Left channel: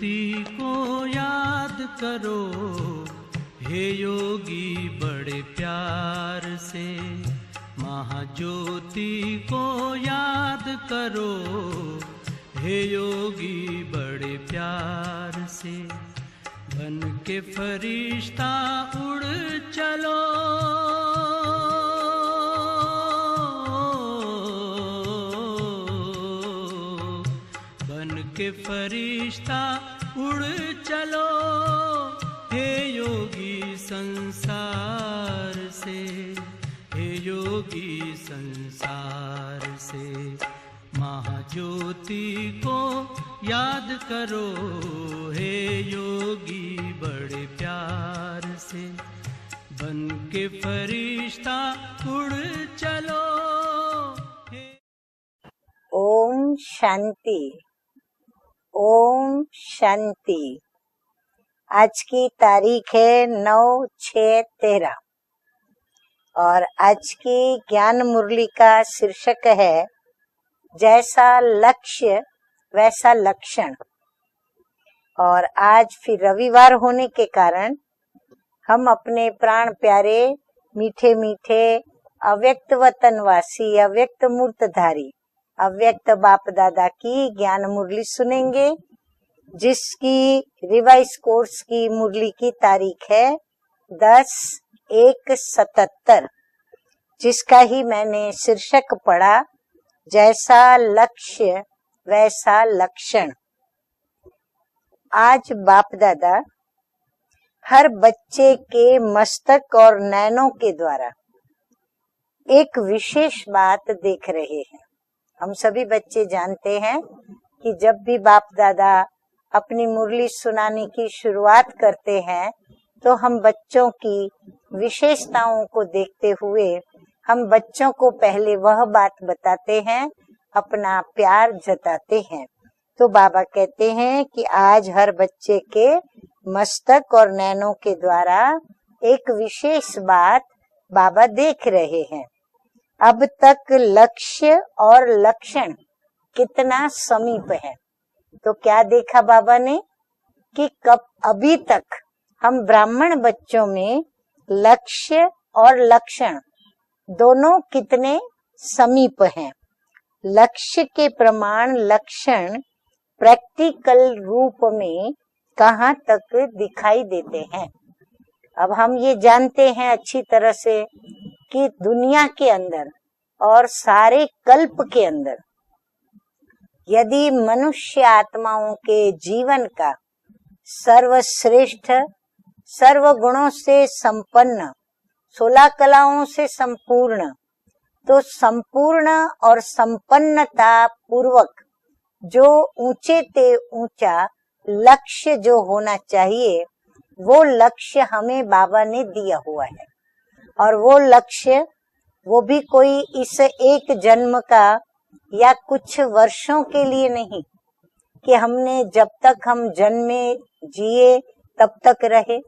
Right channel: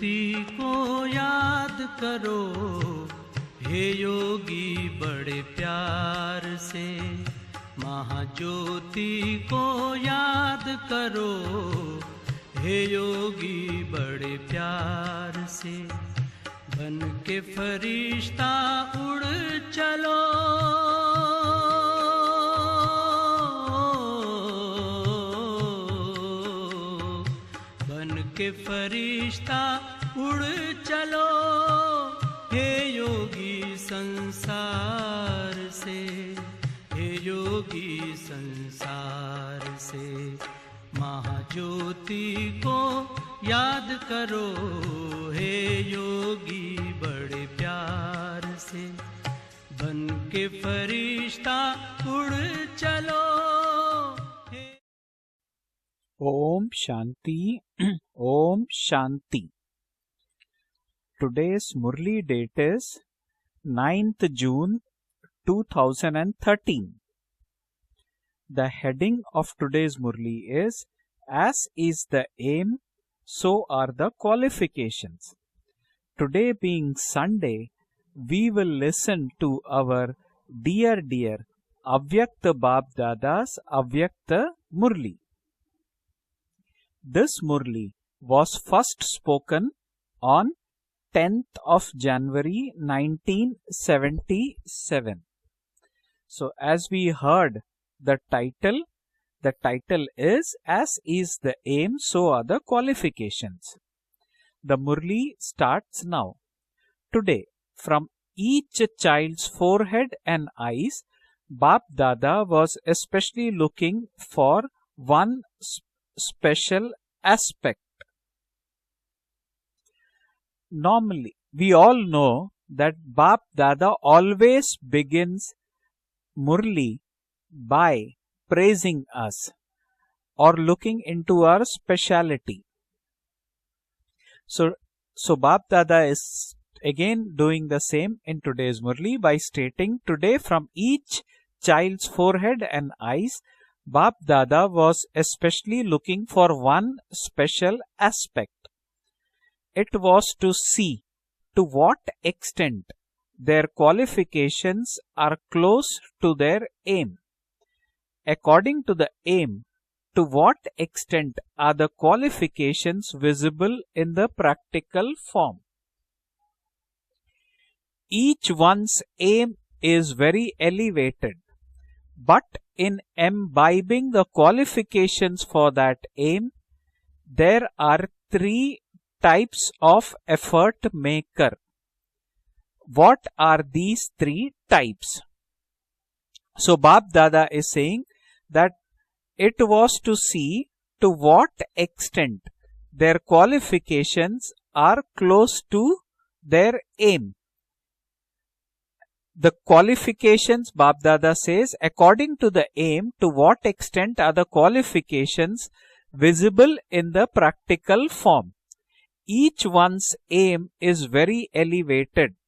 ज्योति को याद करो, हे योगी बड़े प्यार से। महाज्योति को याद करो, हे योगी बड़े प्यार से। बन के फरिश्ता उड़ चलो, बन के फरिश्ता उड़ चलो, हे योगी संसार से, हे योगी संसार से। महाज्योति को याद करो, हे योगी बड़े प्यार से। बन के फरिश्ता उड़ चलो। ओम शांति। ओम ओम शांति। Today's आज Murli की date तारीख is है 9th June 9/6/13 और 2013. आज की ज्ञान मुरली The का heading शीर्षक of है today's Murli is जैसा As is लक्ष्य the aim, वैसा so लक्षण। are the qualifications. और आज फिर Today रविवार being होने के Sunday, कारण we will हम listen अपने to प्राण our प्यारे dear मीठे dear मीठे Avyakt अव्यक्त Bap वतनवासी Dada's अव्यक्त Avyakt मूर्तधारी Murli. अव्यक्त बाप दादा की This ज्ञान Murli मुरली was सुनेंगे, first spoken जिसकी on revise 10th course of की मुरली की January तारीख है 1977. 10/1/77, So as we heard, जिसका ही मैंने the title, शीर्षक पढ़ा the title is जैसा As is लक्ष्य the aim, so are वैसा the लक्षण। qualifications. The Murli आज बाप starts दादा now. Today, हर from बच्चे each के child's मस्तक और forehead नैनों and के eyes, द्वारा Bap Dada was एक विशेष especially बात looking देख रहे for हैं। one हम सभी बच्चे जानते special हैं कि aspect. जब भी बाप दादा अपनी मुरली सुनाने की Normally, शुरुआत we all करते know हैं that तो हम Bap बच्चों Dada की always begins विशेषताओं को देखते हुए Murli हम बच्चों by को पहले वह praising बात us बताते हैं, or अपना looking into प्यार our जताते हैं। speciality. तो बाबा कहते हैं कि So, आज हर so बच्चे Bap Dada के is मस्तक again और doing नैनों the के same द्वारा in today's Murli एक by विशेष stating today बात from each बाबा देख रहे child's हैं। forehead and अब eyes, तक Bap लक्ष्य Dada was और लक्षण especially looking for कितना one समीप है। special aspect. तो क्या देखा बाबा ने It was to कि see कब अभी to तक what हम extent ब्राह्मण बच्चों their में qualifications लक्ष्य are और close to लक्षण their aim. दोनों कितने According to the समीप हैं। aim, to what लक्ष्य के extent प्रमाण are the लक्षण qualifications visible practical in the रूप practical में form. कहाँ तक दिखाई देते हैं। Each अब हम one's ये aim जानते हैं is अच्छी very तरह से elevated, कि दुनिया but के अंदर in और imbibing सारे the कल्प के qualifications अंदर for that aim, यदि there मनुष्य are आत्माओं three के जीवन types का of effort maker. सर्वश्रेष्ठ What सर्वगुणों are से these three संपन्न types? 16 कलाओं से So Bap संपूर्ण Dada is saying तो that संपूर्ण it और was to see संपन्नता to पूर्वक what extent जो ऊंचे their से ऊंचा qualifications are लक्ष्य close जो to होना चाहिए their aim. वो लक्ष्य हमें बाबा ने दिया The हुआ है qualifications, और वो Bap Dada लक्ष्य says, according वो to भी the कोई aim, to इस what एक extent are जन्म the का या qualifications कुछ वर्षों visible के लिए in the नहीं practical कि form. हमने जब तक हम Each one's जन्मे aim is जिए very तब तक elevated, रहे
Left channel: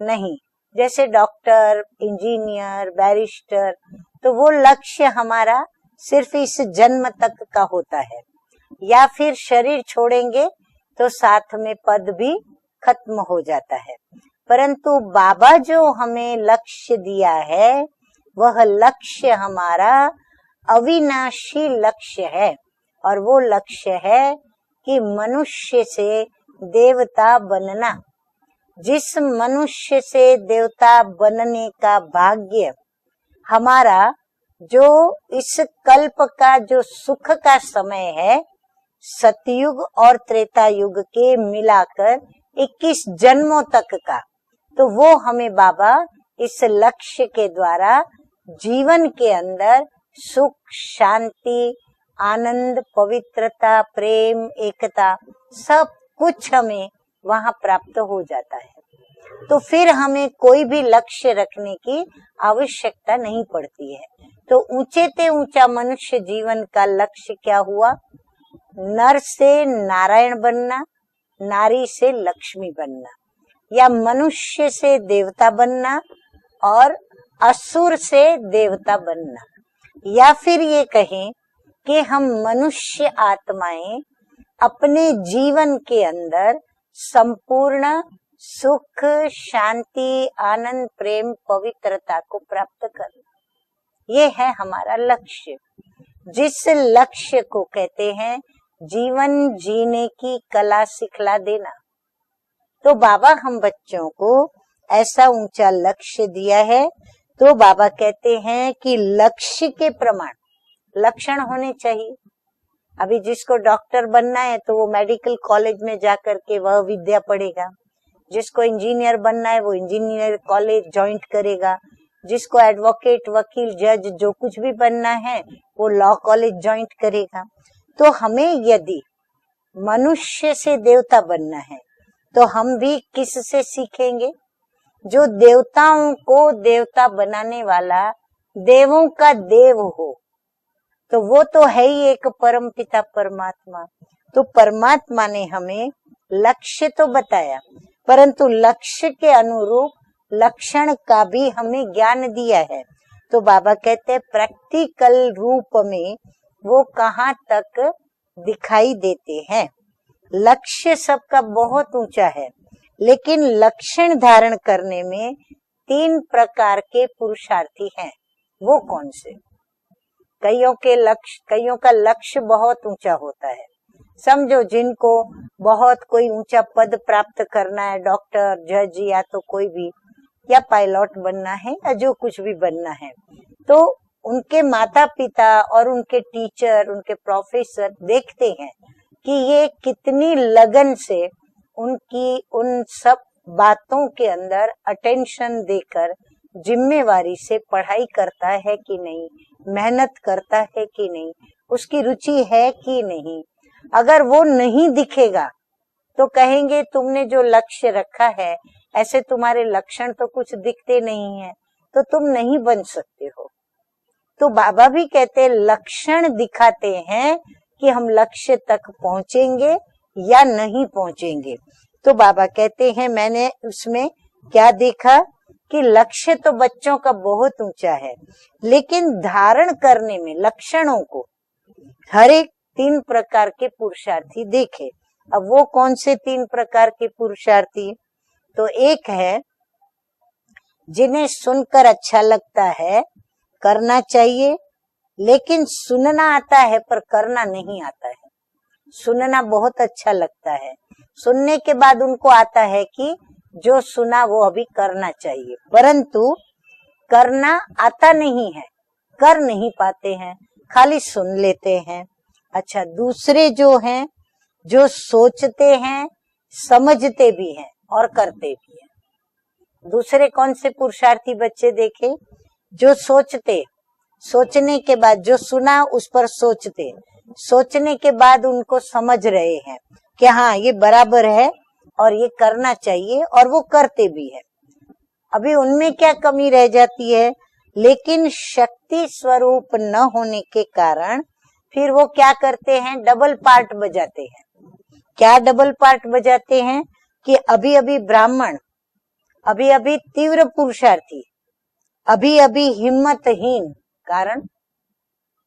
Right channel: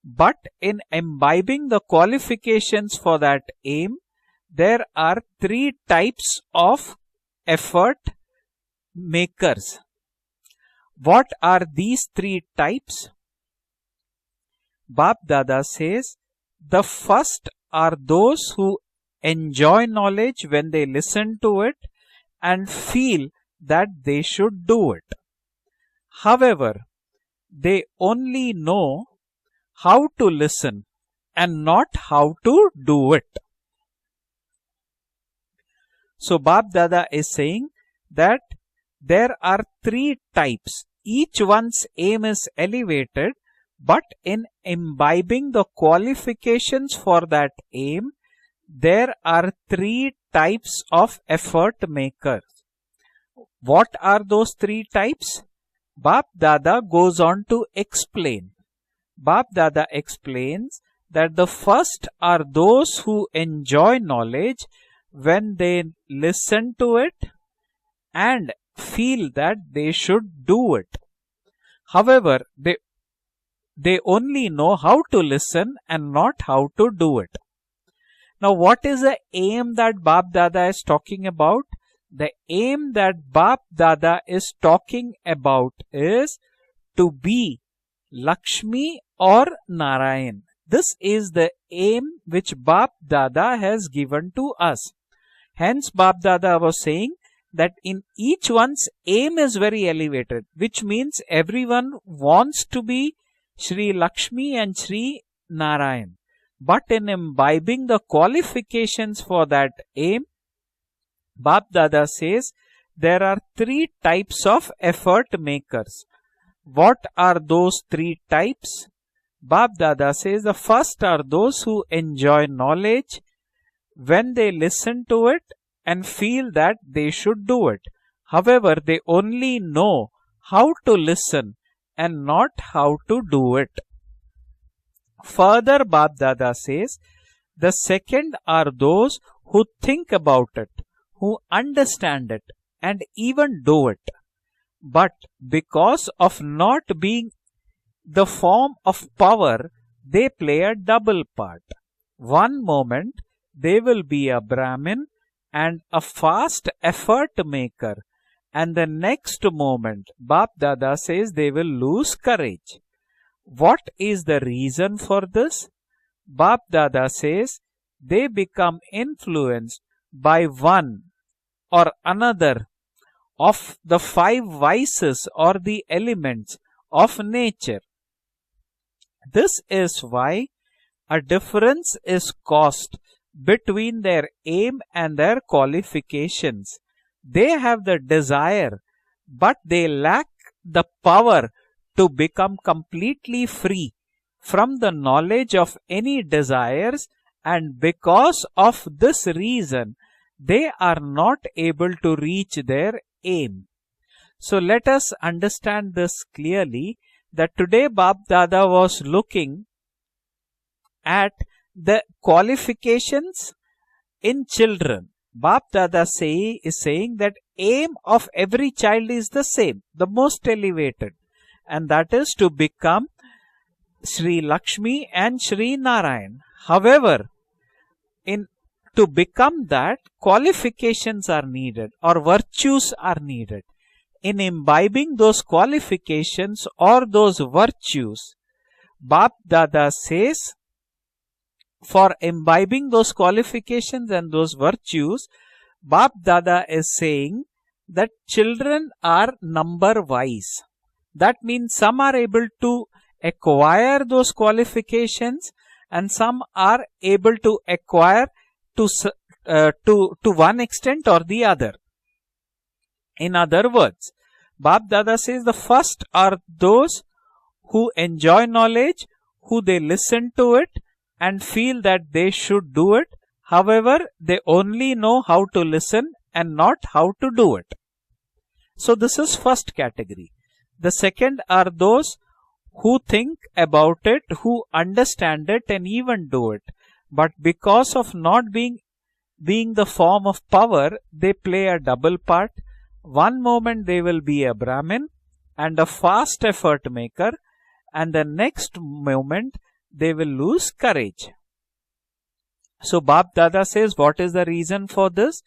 नहीं। but in जैसे imbibing doctor, the qualifications engineer, for that barrister, aim, तो वो there लक्ष्य are हमारा three सिर्फ types इस of जन्म तक का effort होता है, या फिर makers. शरीर छोड़ेंगे तो What साथ are में these पद भी three types? खत्म हो जाता है। परंतु Bap बाबा Dada जो says हमें the लक्ष्य दिया first है are those वह who लक्ष्य enjoy हमारा knowledge when they listen to अविनाशी it लक्ष्य है and और feel वो that लक्ष्य they है should do कि it. मनुष्य से However, देवता they बनना, only know जिस मनुष्य how से to listen देवता and बनने not का how to भाग्य do it. हमारा जो इस कल्प So का Bap जो Dada is सुख का saying समय है, that there are सतयुग three और त्रेता types. युग के Each one's मिलाकर aim is 21 elevated, जन्मों तक but का, in तो वो imbibing हमें the बाबा इस qualifications for लक्ष्य के that द्वारा aim, जीवन there के are अंदर three सुख, types of Shanti, effort maker. आनंद, पवित्रता, What are Prem, those three Ekta, types? सब Bap कुछ Dada हमें goes on वहाँ to प्राप्त हो explain. जाता है। Bap तो Dada फिर हमें कोई भी explains लक्ष्य that the रखने की first are those आवश्यकता who नहीं पड़ती enjoy है। knowledge तो ऊंचे से when ऊंचा they मनुष्य जीवन listen का to it लक्ष्य क्या हुआ? and नर feel से that they Narayan should do बनना, it. नारी से However, लक्ष्मी बनना, या they only मनुष्य know से how to देवता listen बनना and not how और to do it. असुर से Now, what देवता is the बनना, aim that या Bap फिर Dada ये is talking कहें about? कि हम The aim मनुष्य that Bap आत्माएं Dada is अपने talking जीवन about के is अंदर to be संपूर्ण Lakshmi सुख, or Shanti, Narayan. Anand, This Prem, is the aim पवित्रता को which प्राप्त Bap करना। Dada has ये given है to us. हमारा लक्ष्य। Hence Bap Dada जिस was saying लक्ष्य को that in कहते हैं each one's जीवन aim is very जीने की elevated, कला which means सिखला देना। everyone wants to तो be बाबा हम Shri बच्चों को Lakshmi and Shri ऐसा ऊंचा Narayan. लक्ष्य दिया है, But in तो imbibing बाबा the कहते हैं कि qualifications for लक्ष्य that के aim, प्रमाण लक्षण Bap होने Dada चाहिए। says अभी there are जिसको 3 डॉक्टर बनना types है of तो वो effort मेडिकल कॉलेज में makers. जाकर के वह What विद्या are पढ़ेगा। those 3 जिसको types? इंजीनियर बनना है Bap वो Dada engineer says the college first are join those करेगा। who enjoy जिसको knowledge एडवोकेट, वकील, जज when जो they कुछ भी listen बनना to है it वो and law feel college that join they should करेगा। do it. तो हमें However, यदि they only know मनुष्य how से to देवता listen बनना है and तो not हम how भी to do किससे it. सीखेंगे? जो Further, देवताओं Bap को Dada says देवता बनाने the वाला second are देवों those का who देव think हो, about it, तो who वो तो है ही एक understand it, परम पिता and even परमात्मा। do it. तो But परमात्मा ने हमें because of लक्ष्य not तो being बताया, the परंतु form of लक्ष्य के power, अनुरूप they play a लक्षण का double भी part. हमें ज्ञान दिया One है। moment तो बाबा they will कहते be हैं a Brahmin प्रैक्टिकल रूप and a में fast वो कहाँ effort तक maker, and the दिखाई next देते हैं। moment Bap लक्ष्य Dada says सबका they will बहुत lose ऊंचा है, courage. लेकिन What लक्षण is the धारण reason करने for में this? 3 Bap प्रकार के Dada says पुरुषार्थी हैं। they वो become कौन से? influenced by कईयों one के लक्ष्य, कईयों or का लक्ष्य another बहुत ऊंचा होता है। of the 5 समझो vices जिनको or the बहुत कोई elements ऊंचा पद of प्राप्त nature. करना है, डॉक्टर, जज या तो This कोई भी, is why या पायलट a बनना है difference या जो is कुछ भी caused बनना है, तो between their उनके aim माता and their पिता और उनके qualifications. टीचर, उनके They have प्रोफेसर the देखते हैं desire, कि but ये they कितनी lack लगन the से power to उनकी become उन सब completely free बातों के अंदर from the knowledge attention of देकर any desires, जिम्मेवारी से and पढ़ाई because करता है of कि this नहीं, reason मेहनत करता they है are कि not नहीं, able उसकी to रुचि reach है their कि नहीं। aim. अगर वो So let नहीं us दिखेगा understand this तो कहेंगे clearly तुमने जो that लक्ष्य today Bap रखा है Dada was ऐसे looking तुम्हारे लक्षण तो कुछ दिखते at नहीं है, the तो तुम नहीं बन सकते qualifications हो। in तो बाबा भी children. कहते हैं Bap Dada लक्षण is दिखाते saying हैं that कि aim हम of लक्ष्य every तक child is the पहुंचेंगे same, the most या नहीं elevated, पहुंचेंगे। and that तो is बाबा to कहते हैं become मैंने उसमें Shri क्या Lakshmi देखा and Shri कि लक्ष्य Narayan. तो बच्चों का However, बहुत ऊंचा है, in to लेकिन become धारण that, करने में लक्षणों qualifications को are needed or हर एक virtues 3 are प्रकार needed. के In पुरुषार्थी देखिए। imbibing those अब वो कौन से 3 qualifications प्रकार or के those पुरुषार्थी? virtues, तो एक है Bap Dada says जिन्हें सुनकर for अच्छा लगता imbibing है, those करना qualifications and चाहिए, those virtues, लेकिन Bap सुनना आता Dada है is पर saying करना नहीं आता that है। children सुनना are बहुत number अच्छा wise. लगता है, That सुनने के means बाद some are उनको able आता है to कि जो acquire सुना those वो अभी करना qualifications, चाहिए, and परंतु some are able करना to आता acquire नहीं है, to कर नहीं पाते to हैं, one खाली extent or soon the other. लेते हैं। अच्छा, In दूसरे other जो हैं words, जो Bap Dada says the सोचते first हैं, are those समझते भी हैं who और enjoy करते भी। knowledge, who they दूसरे listen कौन to से it पुरुषार्थी and बच्चे feel that देखे? they should do जो it. सोचते, However, they सोचने only के बाद know जो how to सुना उस listen पर and not सोचते, how to do it. सोचने के बाद उनको So समझ this is रहे first हैं category. कि हाँ ये The बराबर second है are those और ये करना who चाहिए think और वो about करते it, भी हैं। who understand अभी it and उनमें क्या even do कमी रह it. जाती है? But because of लेकिन not being शक्ति स्वरूप the न form होने of के power, कारण they play a फिर वो double क्या part. करते हैं? Double One part moment they will बजाते be हैं। a Brahmin क्या double and a part fast बजाते हैं? effort maker, कि अभी अभी and the ब्राह्मण, next moment अभी अभी they will तीव्र lose पुरुषार्थी, courage. अभी अभी So Bap हिम्मतहीन। Dada says, what is कारण the reason for this?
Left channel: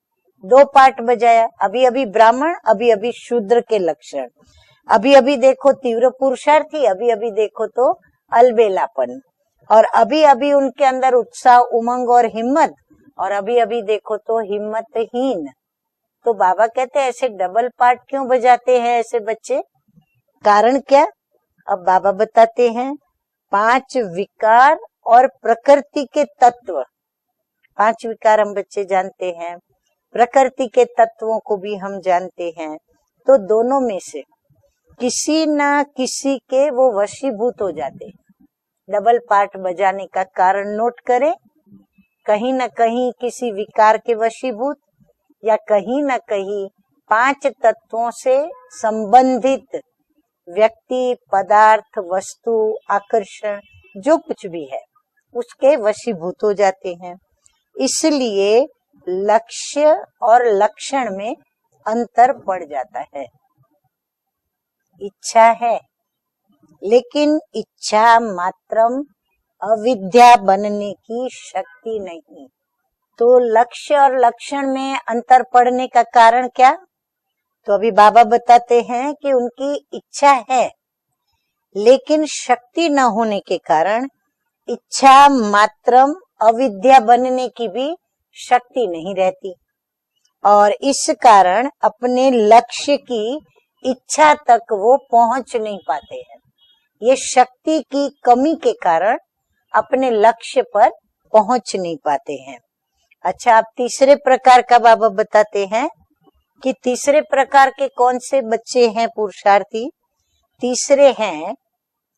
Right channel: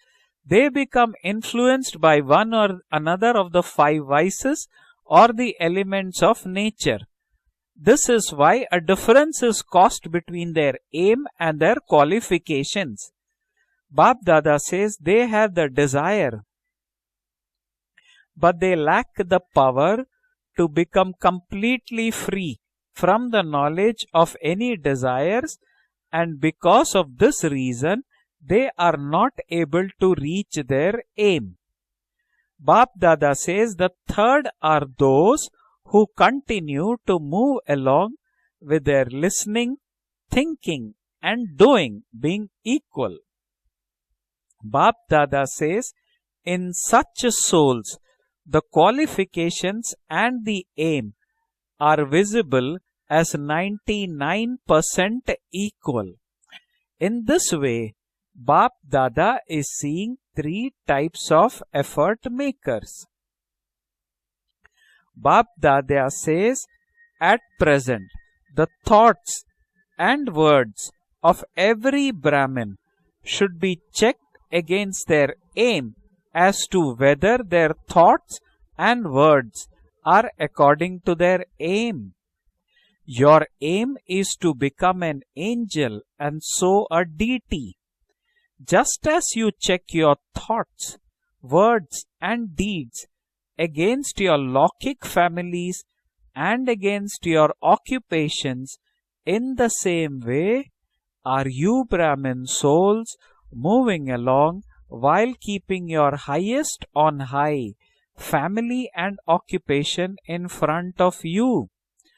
दो They पार्ट become बजाया, अभी influenced अभी by ब्राह्मण, one or अभी अभी another of शूद्र the के 5 लक्षण, vices अभी or अभी the देखो तीव्र elements of पुरुषार्थी, nature. अभी अभी देखो तो This is why a अलबेलापन, difference is और caused अभी अभी between their उनके अंदर aim उत्साह, and their उमंग और हिम्मत, qualifications. और अभी अभी देखो Bap तो Dada says they हिम्मतहीन। have the desire, तो बाबा कहते हैं ऐसे डबल पार्ट क्यों but बजाते they हैं lack ऐसे the बच्चे? power to कारण क्या? become अब बाबा completely free बताते हैं from the 5 knowledge of विकार any और desires, प्रकृति के and तत्व। because of this reason 5 विकार हम they बच्चे are जानते not हैं, able to reach प्रकृति के their तत्वों aim. को भी हम जानते हैं। Bap Dada तो says दोनों the में से third are किसी those न who किसी के वो continue to वशीभूत move हो जाते along हैं। with their double part listening, बजाने का कारण thinking नोट करें, and doing, कहीं being न कहीं equal. किसी विकार के वशीभूत Bap Dada या says कहीं न कहीं in such 5 souls तत्वों से the संबंधित qualifications and the व्यक्ति, aim पदार्थ, are वस्तु, visible as आकर्षण, जो कुछ भी है 99% उसके equal. वशीभूत हो जाते हैं। In this way, इसलिए Bap Dada is लक्ष्य seeing और 3 लक्षण types में of effort अंतर पड़ makers. जाता है। इच्छा Bap है, Dada says लेकिन at present इच्छा the मात्रम thoughts अविद्या and बनने words की of शक्ति every नहीं। Brahmin तो should be लक्ष्य और checked लक्षण में against their अंतर पड़ने aim का कारण as क्या? to whether their तो अभी बाबा thoughts बताते हैं and कि words उनकी are इच्छा है, according to their aim. लेकिन शक्ति न होने Your के aim कारण is to become इच्छा an angel Mataram and so अविद्या a बनने की deity. भी शक्ति Just नहीं as you रहती, check your और thoughts, इस कारण words अपने and लक्ष्य deeds की against इच्छा your तक वो lockic पहुंच नहीं families पाते हैं। and ये against your शक्ति की कमी के occupations, कारण in the अपने same लक्ष्य way पर are पहुंच you नहीं पाते Brahmin हैं। souls अच्छा, अब moving तीसरे along प्रकार का बाबा while बताते हैं keeping your कि highest तीसरे on प्रकार high के कौन से बच्चे family हैं and पुरुषार्थी? occupation in front तीसरे of हैं you?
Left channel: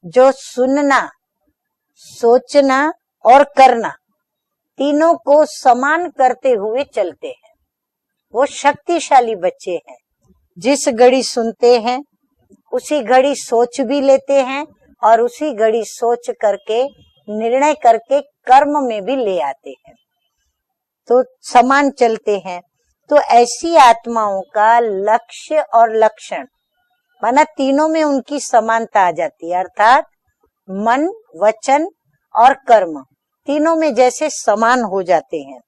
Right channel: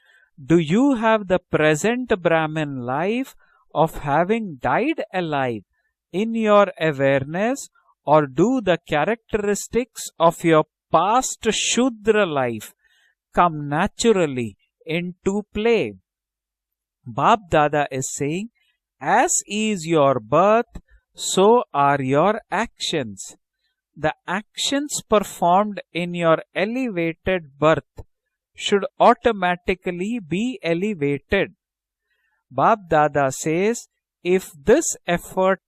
जो Do you सुनना, have the present Brahmin सोचना life और करना, of having died तीनों को alive समान in करते your हुए चलते हैं? awareness, or वो do the शक्तिशाली बच्चे हैं। characteristics of your जिस घड़ी past सुनते हैं Shudra life उसी घड़ी come सोच भी लेते naturally हैं और into उसी घड़ी play? सोच करके Bap निर्णय Dada is करके saying, कर्म में भी as ले आते is हैं, your birth, तो so समान are चलते your हैं। actions. तो ऐसी The आत्माओं का actions लक्ष्य performed और in your लक्षण elevated माना birth तीनों में उनकी should समानता आ जाती है, अर्थात automatically be मन, elevated. वचन और Bap कर्म Dada तीनों says, में जैसे if समान this हो जाते हैं। effort,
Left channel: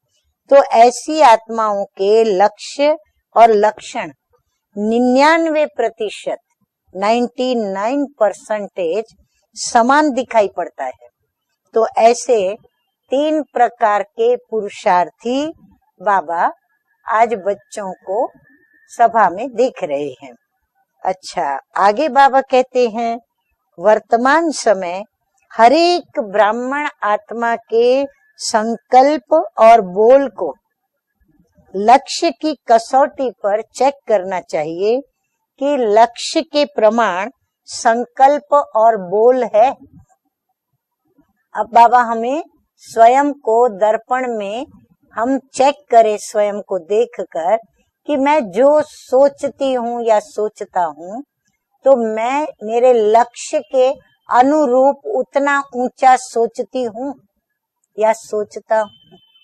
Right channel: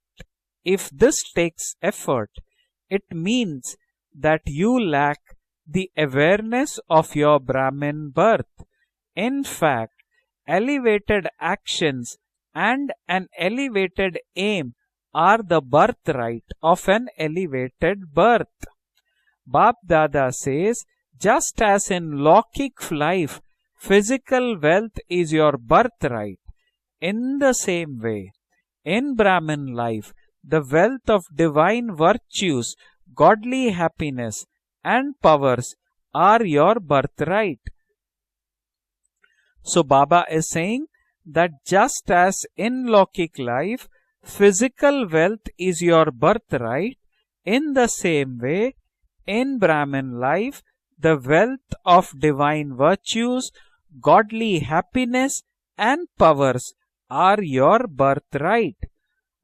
तो if ऐसी this takes आत्माओं के effort, लक्ष्य it और means लक्षण that you lack 99% the awareness of your Brahmin birth. 99% In fact, समान दिखाई पड़ता है। elevated तो actions ऐसे and an तीन प्रकार elevated के aim are पुरुषार्थी the Baba birthright of an आज बच्चों elevated को birth. सभा में Bap देख रहे Dada हैं। says, अच्छा, just as आगे in बाबा lockic कहते हैं life, वर्तमान physical समय wealth is your हर एक birthright. ब्राह्मण In आत्मा the के same way, in संकल्प Brahmin और life, बोल को the wealth of divine लक्ष्य की virtues, कसौटी पर godly चेक करना happiness, चाहिए and powers कि लक्ष्य are के your प्रमाण birthright. संकल्प और बोल है। So Baba is saying that अब just बाबा as हमें in स्वयं lockic को life, दर्पण में physical हम wealth चेक is your करें स्वयं को birthright, देखकर in the कि same मैं way, जो in सोचती हूँ Brahmin या life, सोचता the हूँ wealth तो of मैं divine मेरे virtues, लक्ष्य के godly अनुरूप happiness, उतना and ऊंचा powers सोचती हूँ are your या birthright. सोचता हूँ,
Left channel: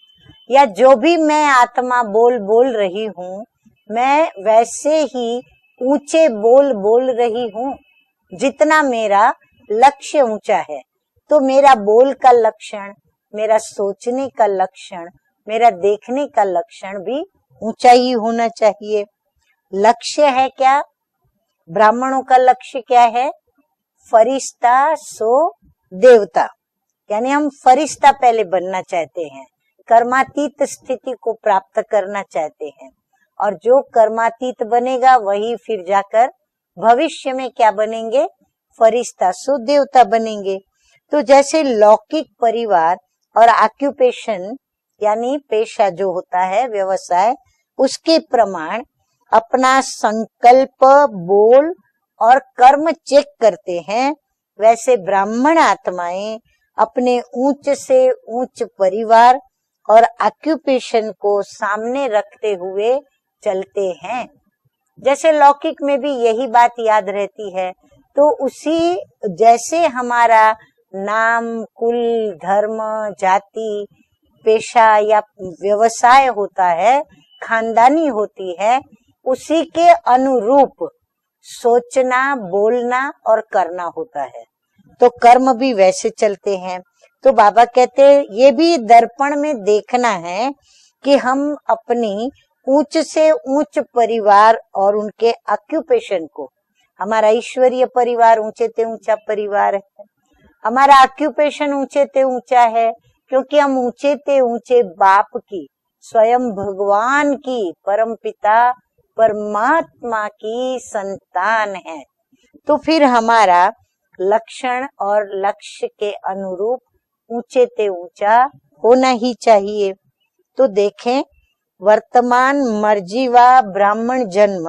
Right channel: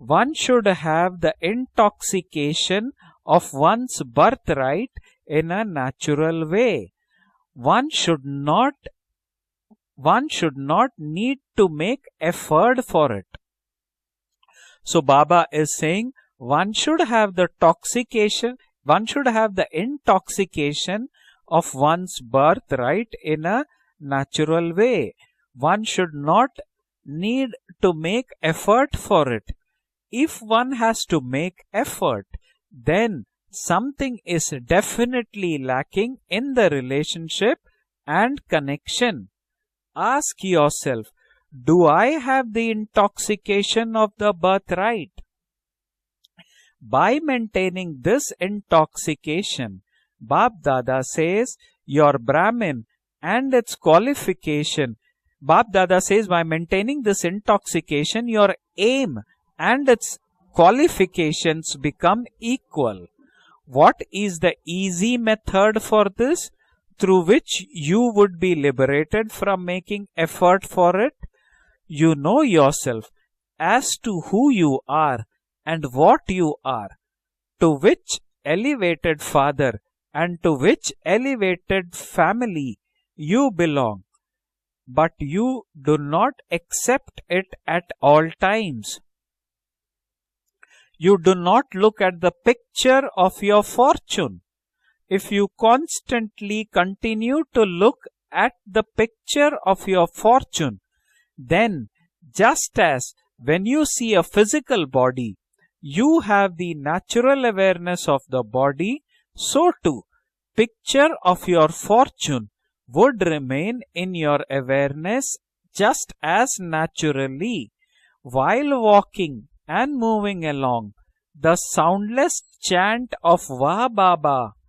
One या should जो have भी the मैं आत्मा बोल intoxication रही हूँ of one's मैं birthright वैसे ही in a ऊंचे natural बोल way. बोल रही हूँ One should जितना not, मेरा लक्ष्य one ऊंचा should है। not need तो to मेरा make बोल का effort लक्षण, for it. मेरा सोचने का So लक्षण, Baba मेरा is saying देखने का one लक्षण should भी have the ऊंचा ही होना toxication, चाहिए। one should have the लक्ष्य है क्या? intoxication of one's ब्राह्मणों का लक्ष्य क्या birthright है? in a natural Firishta way. So One should देवता, not यानी हम need to फरिश्ता make पहले बनना effort चाहते for हैं, it. If कर्मातीत one has स्थिति to को make प्राप्त करना effort, चाहते हैं, then और जो something is कर्मातीत बनेगा वही definitely फिर lacking जाकर in the भविष्य में relationship क्या बनेंगे? and connection. फरिश्ता सो देवता Ask बनेंगे। yourself, तो जैसे do I लौकिक have the परिवार और intoxication of the occupation birthright? यानी पेशा जो होता है By व्यवसाय, maintaining उसके this प्रमाण intoxication, अपना Bap संकल्प, Dada says बोल your और Brahmin कर्म चेक and करते its हैं। qualification. वैसे ब्राह्मण Bap Dada says by आत्माएं maintaining अपने this ऊंच से intoxication, your ऊंच aim परिवार and और its ऑक्यूपेशन को qualifications सामने become रखते हुए equal. चलते What हैं। is the easy जैसे method लौकिक में for भी this, यही बात याद through रहती which है। you तो would be उसी liberated from जैसे making हमारा effort for it? नाम, कुल, You know धर्म, yourself जाति, as to who you पेशा या are and व्यवसाय what you होता are, है, to खानदानी which होती है, elevated उसी father के and to अनुरूप which elevated सोचना, family बोलना और you करना belong. होता है। तो But कर्म you भी do वैसे not चलते हैं। accept तो it बाबा at कहते हैं all ये भी times. दर्पण में देखना है कि You do हम not look at अपनी the ऊंच picture से of your ऊंच fortune. परिवार और If उनके you ऑक्यूपेशन को, constantly हमारा continue to ईश्वरीय look परिवार at ऊंचे the ते ऊंचा picture परिवार of your fortune, हमारा ऑक्यूपेशन then ऊंचे ते ऊंचा just है, as क्योंकि when हम you ऊंचे see a ते ऊंचे physical बाप body, की, you स्वयं have the भगवान natural की, awareness of the परमपिता body, so too परमात्मा की picture of your संतान है। fortune तो फिर would हमारा remain in your लक्षण और awareness लक्ष्य just के as अनुरूप naturally ऊंचे ते ऊंचा while होना ही walking चाहिए। and moving तो along. देखें, The soundless वर्तमान chant of मर्जीवा Vah ब्राह्मण Baba जन्म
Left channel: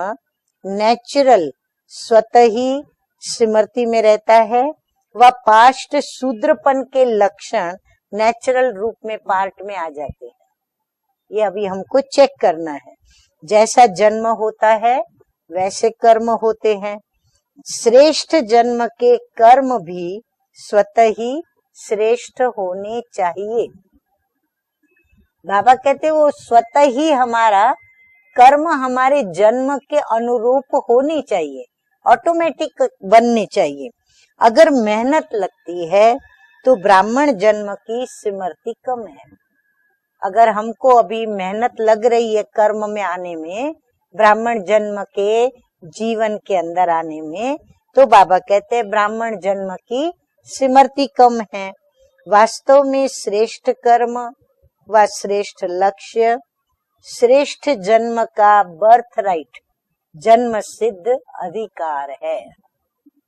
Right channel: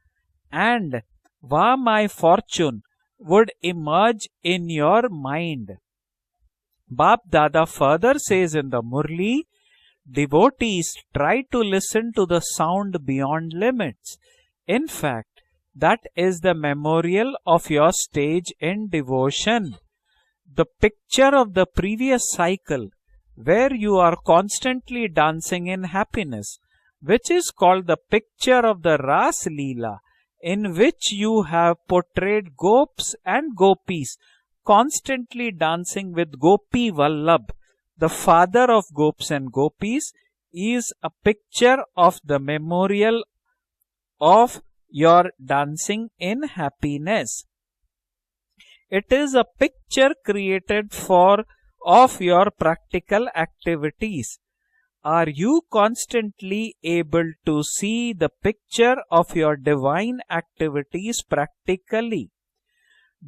and नेचुरल Vah my स्वतः ही fortune would स्मृति में emerge रहता है, in your वह mind. पास्ट शूद्रपन के Bap Dada लक्षण further says natural in the रूप में Murli, पार्ट में आ जाते हैं। devotees try ये to अभी हमको listen to चेक the करना है। sound beyond जैसा limits. जन्म होता In है fact, वैसे that कर्म is the होते हैं। memorial of your श्रेष्ठ stage जन्म in के devotion. कर्म भी the स्वतः picture he of the previous श्रेष्ठ cycle होने चाहिए। where you are constantly dancing Baba in कहते वो happiness, स्वतः ही which is हमारा called the picture कर्म of the हमारे Ras जन्म Leela, के in अनुरूप which होनी you चाहिए, have portrayed ऑटोमेटिक gopis बननी and चाहिए। gopis अगर मेहनत constantly लगती dancing है with तो Gopi ब्राह्मण Vallabh, जन्म की the father सिमरती of कम है। gopis and gopis. अगर He is हमको a अभी picture मेहनत लग of रही the है कर्म में memorial आने में, of ब्राह्मण जन्म your के dancing जीवन in के अंदर आने happiness. में, तो बाबा कहते हैं It is ब्राह्मण a जन्म picture की created सिमरती for कम है। of your वास्तव में practical श्रेष्ठ कर्म activities. व Are you श्रेष्ठ लक्ष्य constantly able to श्रेष्ठ see जन्म the का picture of birthright, your divine जन्म सिद्ध activities अधिकार practically? है।